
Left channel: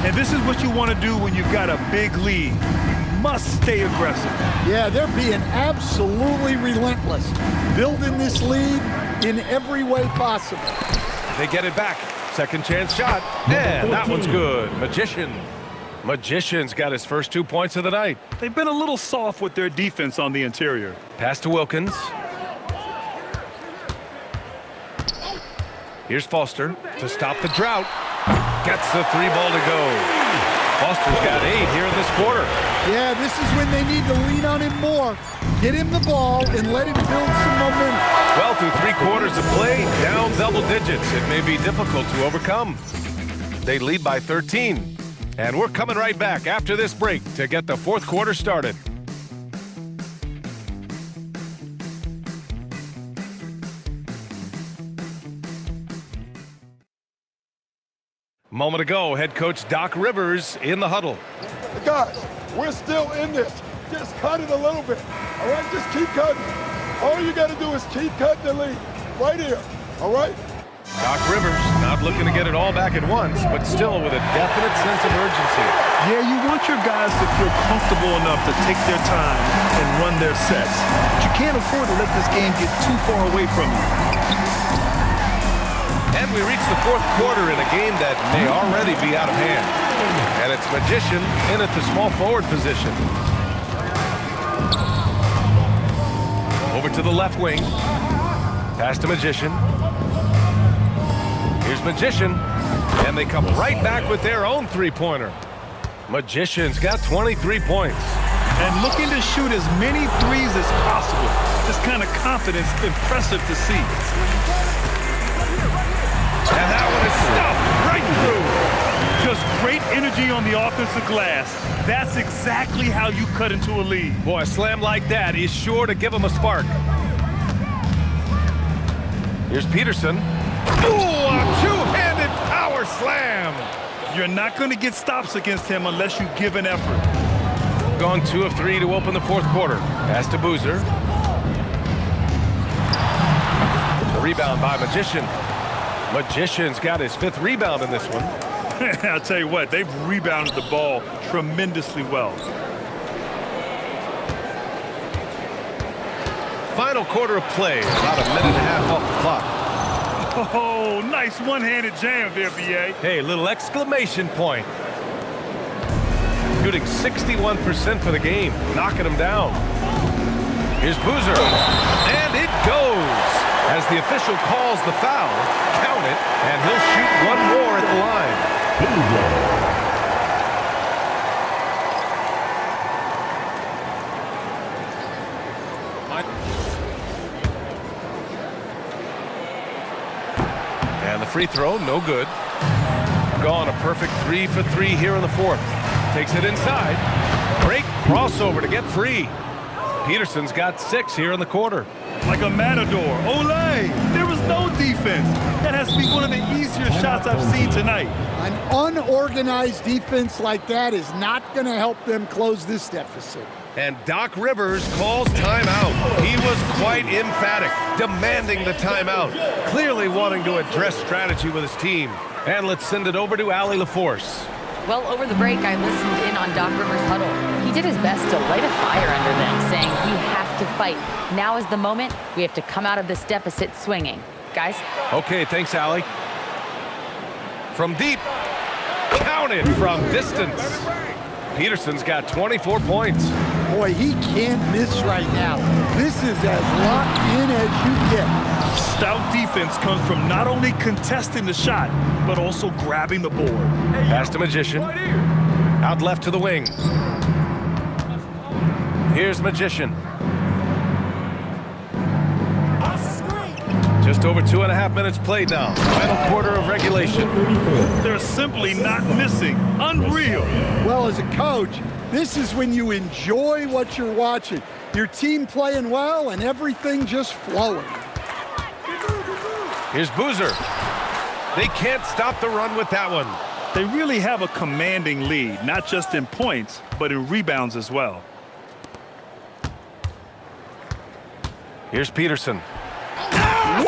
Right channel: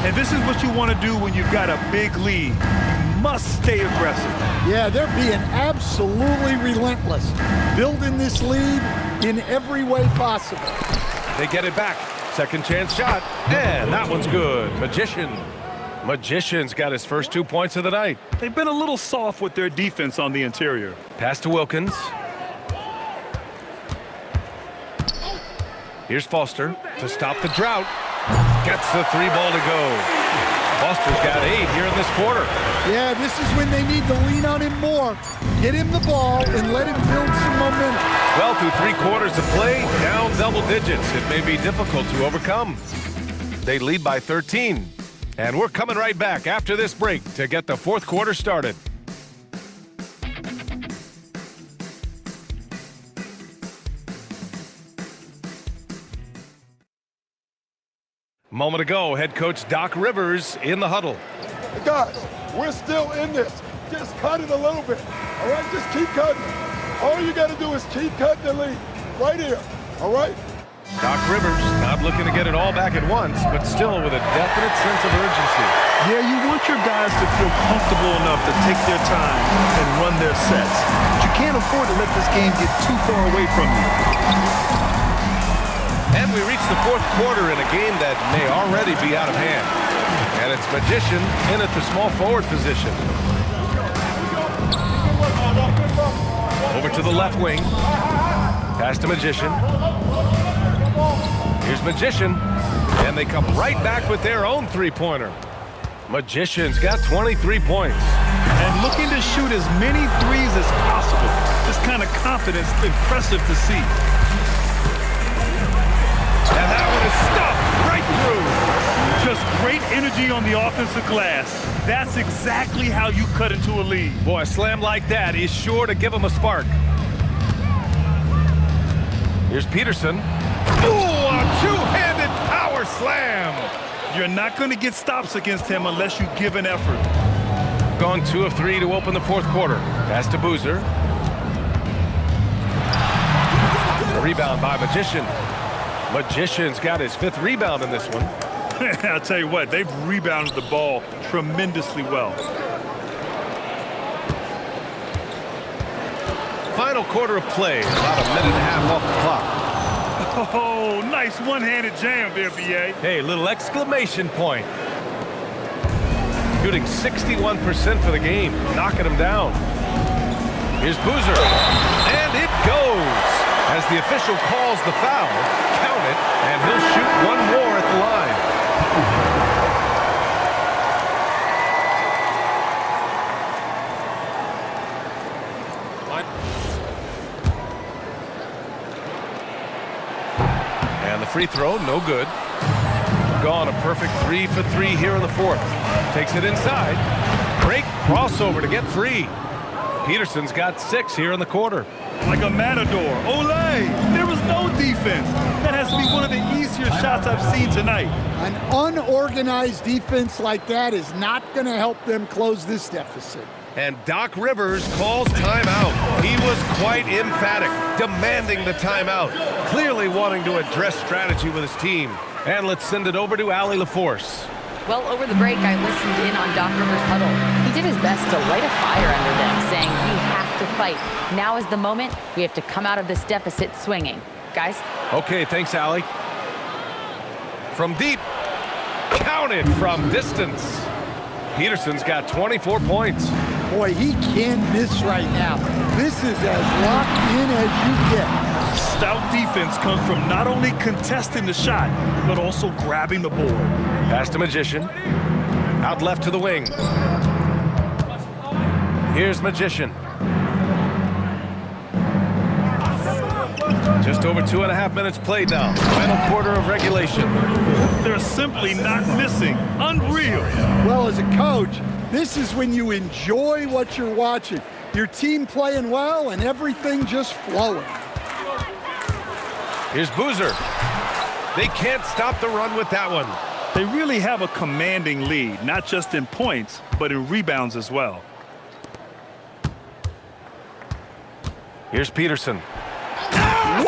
And this is what you want to do when you've got a big lead. You must stay aggressive. Yeah, they're being absolutely relentless, building this lead in every way possible. They get it back. Second chance shot, and that one's good. Magician's got his first 2 points of the night. They've been a little soft with their defense on the interior. Pass to Wilkins. Here's Foster to stop the drought. Gets the 3 ball to go. Foster's got 8 here in this quarter. Yeah, this is when they need to lean on him more. Get him the ball and let him build some momentum. Well, through 3 quarters of play, down double digits. It may be difficult to overcome. They lead by 13. And we're coming right back after this break to get the 4th quarter started. Moment ago, head coach Doc Rivers in the huddle. Guys, we're still in this. Just cut it a little bit. All right, just keep cutting. All you got to do is keep cutting the lead. Right here. All right? Doc Rivers not looking to get it all back at once, but still with a definite sense of urgency. Yeah, you want your guys to feel comfortable enough to take their time and run their sets. But you can't afford to let this game get too far away from you. And we reach the 4th quarter in a game that may already be out of hand. And it's Magician in at the small forward position. Over to the left wing. Pass to Magician. Here's Magician. And they come right back with their own 3-pointer. Magician's got 23 points. And looking to shoot as many threes as possible. This kind of confidence, impressive to see. And that one is stuffed right through. Just great energy on the offensive glass. That's exactly how you cut into a lead. Boy, a slam like that is sure to give them a spark. Here's Peterson. Ooh, a 2-handed power slam. You're not going to get stops against him unless you give an effort. Gone 2 of 3 to open the 4th quarter. Pass to Boozer. The rebound by Magician. Magician's got his 5th rebound in this one. I'll tell you what, they've rebounded the ball tremendously well. Final quarter of play, about a minute and a half off the clock. Oh, nice one-handed jam there, B.A. Hey, little exclamation point. Shooting 61% for the game, knocking him down. Here's Boozer, and it goes. As the official calls the foul, count it, and he'll shoot one more at the line. And the free throw, no good. Gone a perfect 3 for 3 here in the 4th. Takes it inside. Great crossover to get free. Peterson's got 6 here in the quarter. Like a matador. Olay! There was no defense. That has to be one of the easier shots I've seen tonight. An unorganized defense like that is not going to help them close this deficit. And Doc Rivers calls timeout. He was quite emphatic, demanding the timeout, clearly wanting to address strategy with his team. And let's send it over to Allie LaForce. Well, over the break, I listened in on Doc Rivers' huddle. He did his best to light a fire under them, saying, we have to fight. Now is the moment. We have to come out of this deficit swinging. Guys? Okay, thanks, Allie. From deep. Counted from distance. Peterson's got 24 points. Boy, he can't miss right now. This is as locked in as you get. Stout defense comes from not only contesting the shot, but also grabbing the board. Pass to Magician. Out left to the wing. Here's Magician. Just over 2.5 minutes played now. Final quarter of regulation. They're simply not missing. Unreal. Well, as a coach, this is when you enjoy what you're watching. Your team playing well and everything just flowing. Here's Boozer. They can't stop the run with that one. They really have a commanding lead, not just in points, but in rebounds as well. Here's Peterson.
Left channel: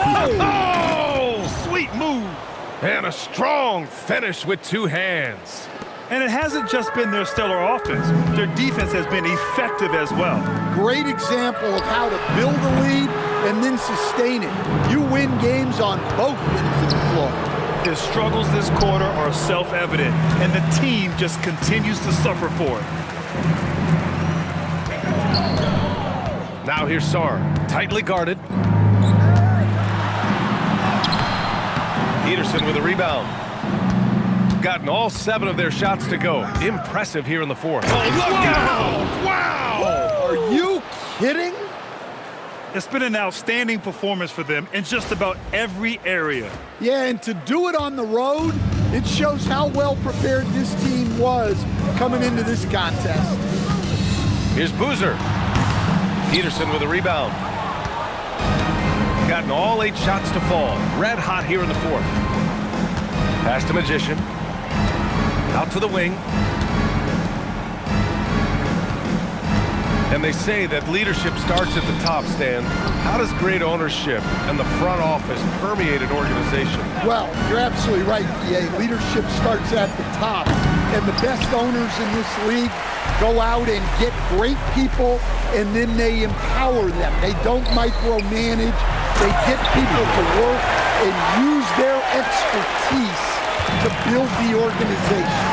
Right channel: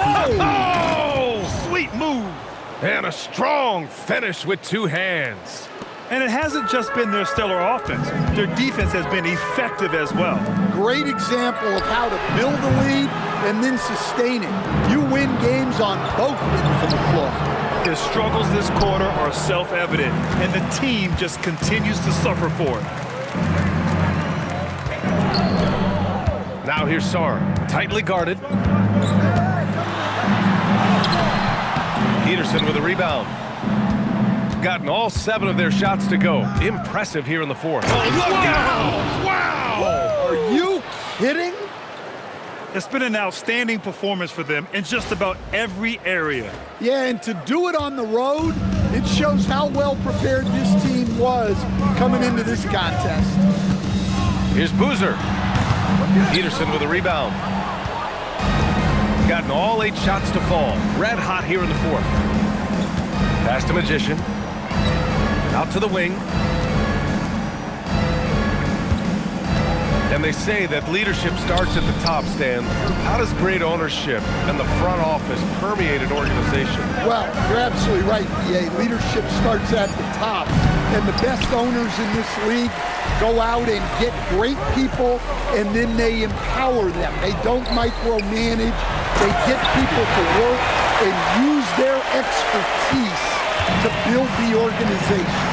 Whoa! Sweet move. And a strong finish with two hands. And it hasn't just been their stellar offense. Their defense has been effective as well. Great example of how to build a lead and then sustain it. You win games on both ends of the floor. His struggles this quarter are self-evident, and the team just continues to suffer for it. Now here's Sarr, tightly guarded. Peterson with a rebound. Gotten all 7 of their shots to go. Impressive here in the fourth. Oh, look out! Wow! Are you kidding? It's been an outstanding performance for them in just about every area. Yeah, and to do it on the road, it shows how well prepared this team was coming into this contest. Here's Boozer. Peterson with a rebound. Gotten all 8 shots to fall. Red hot here in the fourth. Pass to Magician. Out to the wing. And they say that leadership starts at the top, Stan. How does great ownership and the front office permeate an organization? Well, you're absolutely right, PA. Leadership starts at the top. And the best owners in this league go out and get great people, and then they empower them. They don't micromanage. They get people to work and use their expertise to build the organization.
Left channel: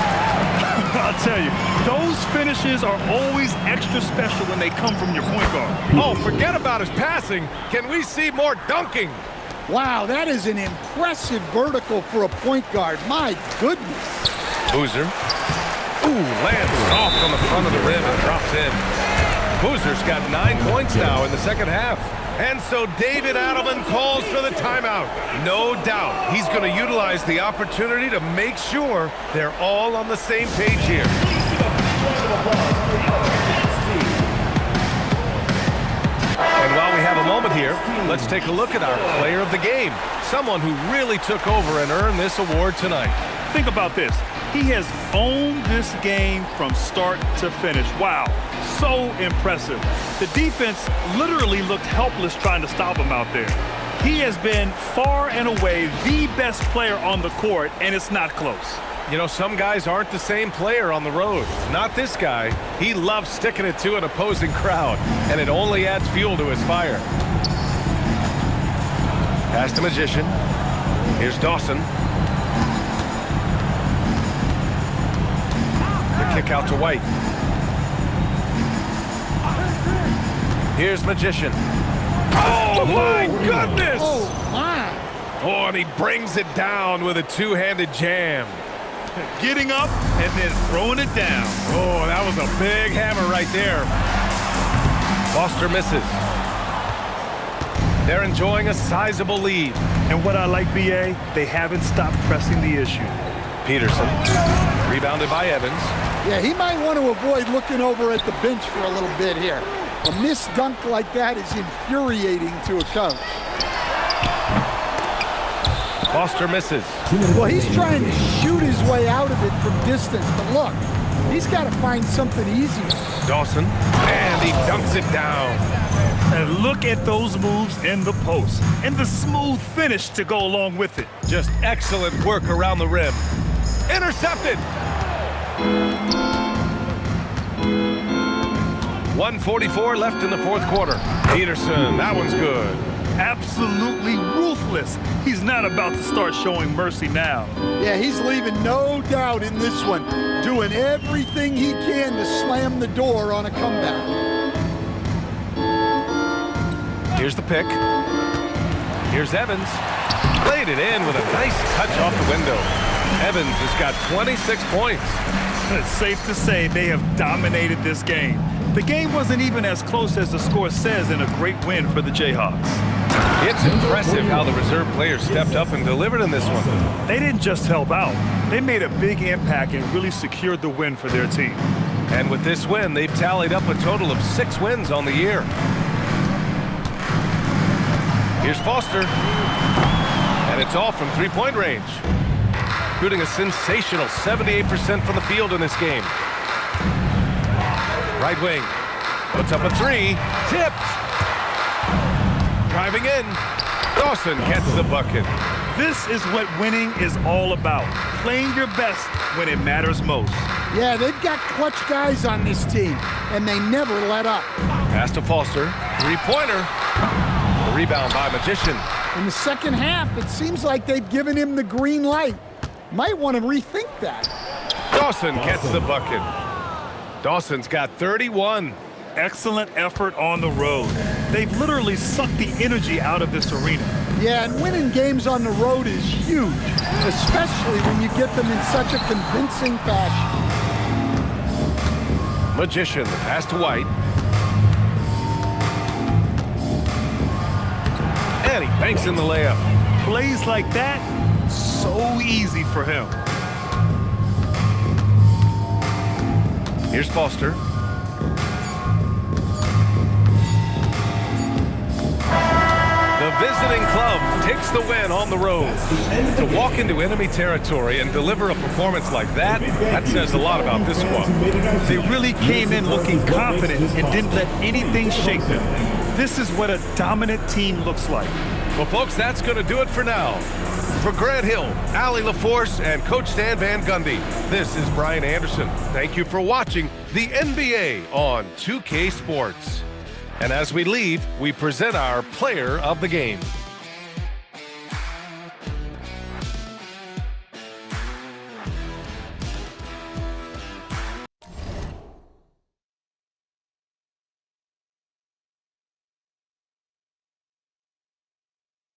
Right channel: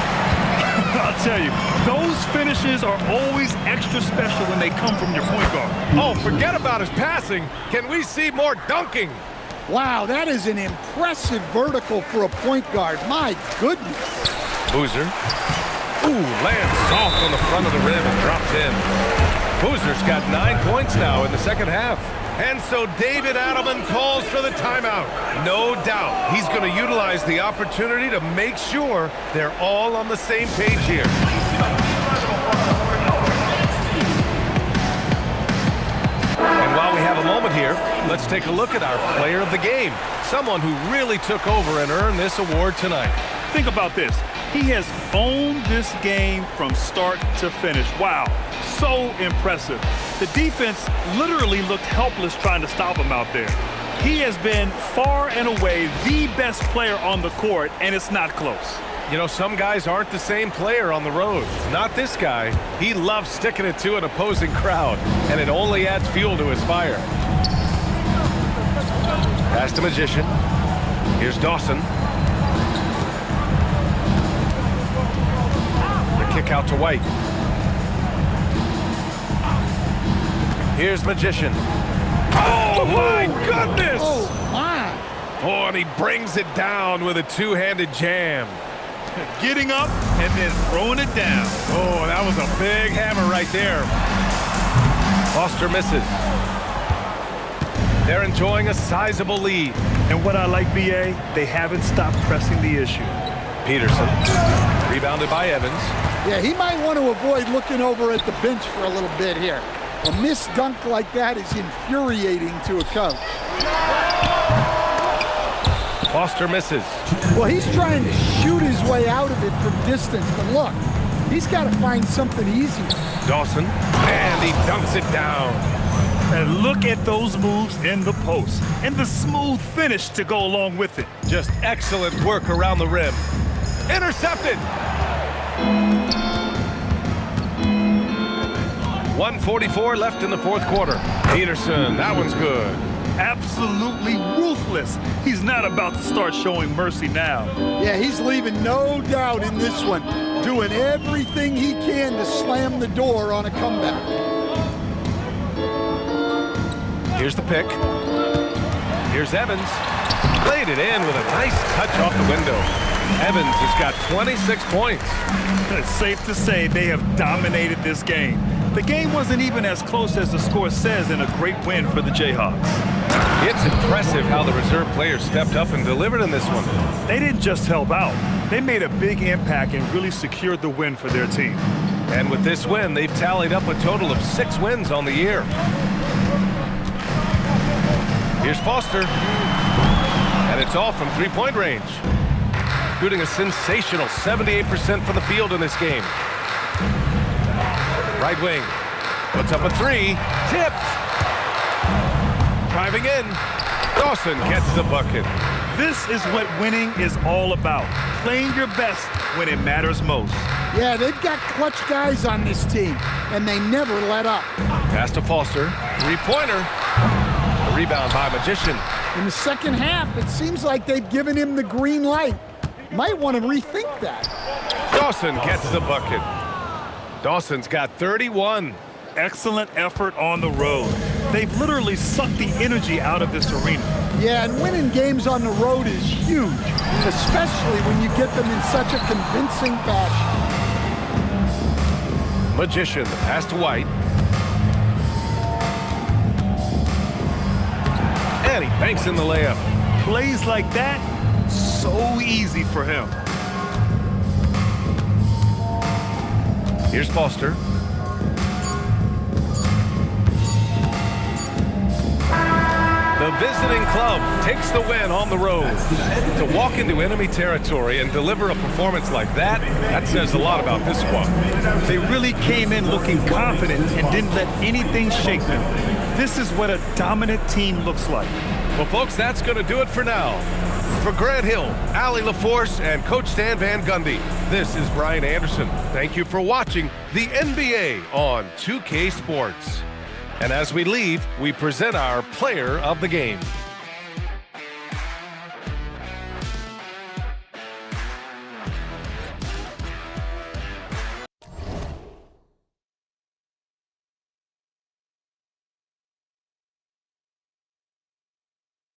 I'll tell you, those finishes are always extra special when they come from your point guard. Oh, forget about his passing. Can we see more dunking? Wow, that is an impressive vertical for a point guard. My goodness. Boozer. Ooh, lands soft on the front of the rim and drops in. Boozer's got 9 points now in the second half. And so David Adelman calls for the timeout. No doubt he's going to utilize the opportunity to make sure they're all on the same page here. And while we have a moment here, let's take a look at our player of the game. Someone who really took over and earned this award tonight. Think about this. He has owned this game from start to finish. Wow, so impressive. The defense literally looked helpless trying to stop him out there. He has been far and away the best player on the court, and it's not close. You know, some guys aren't the same player on the road. Not this guy. He loves sticking it to an opposing crowd, and it only adds fuel to his fire. Pass to Magician. Here's Dawson. Kick out to White. Here's Magician. Oh, my goodness! Oh, my. Oh, and he brings it down with a two-handed jam. Getting up and then throwing it down. Oh, that was a big hammer right there. Foster misses. They're enjoying a sizable lead. And what I like, BA, they haven't stopped pressing the issue. Peterson, rebounded by Evans. Yeah, he might want to avoid looking over at the bench for a little bit here. A missed dunk like that is infuriating to a coach. Foster misses. Well, he's trying to shoot his way out of it from distance, but look, he's got to find something easier. Dawson, and he dunks it down. And look at those moves in the post and the smooth finish to go along with it. Just excellent work around the rim. Intercepted. 1:44 left in the fourth quarter. Peterson, that one's good. Absolutely ruthless. He's not about to start showing mercy now. Yeah, he's leaving no doubt in this one, doing everything he can to slam the door on a comeback. Here's the pick. Here's Evans. Played it in with a nice touch off the window. Evans has got 26 points. It's safe to say they have dominated this game. The game wasn't even as close as the score says in a great win for the Jayhawks. It's impressive how the reserve players stepped up and delivered in this one. They didn't just help out. They made a big impact and really secured the win for their team. And with this win, they've tallied up a total of 6 wins on the year. Here's Foster. And it's off from three-point range. Shooting a sensational 78% from the field in this game. Right wing. Puts up a three. Tipped. driving in. Dawson gets the bucket. This is what winning is all about. Playing your best when it matters most. Yeah, they've got clutch guys on this team, and they never let up. Pass to Foster. Three-pointer. The rebound by Magician. In the second half, it seems like they've given him the green light. Might want to rethink that. Dawson gets the bucket. Dawson's got 31. Excellent effort on the road. They've literally sucked the energy out of this arena. Yeah, and winning games on the road is huge, especially when you get them in such a convincing fashion. Magician, the pass to White. And he banks in the layup. Plays like that, so easy for him. Here's Foster. The visiting club takes the win on the road. To walk into enemy territory and deliver a performance like that, that says a lot about this squad. They really came in looking confident and didn't let anything shake them. This is what a dominant team looks like. Well, folks, that's going to do it for now. For Grant Hill, Allie LaForce, and Coach Stan Van Gundy, this is Brian Anderson. Thank you for watching the NBA on 2K Sports. And as we leave, we present our player of the game.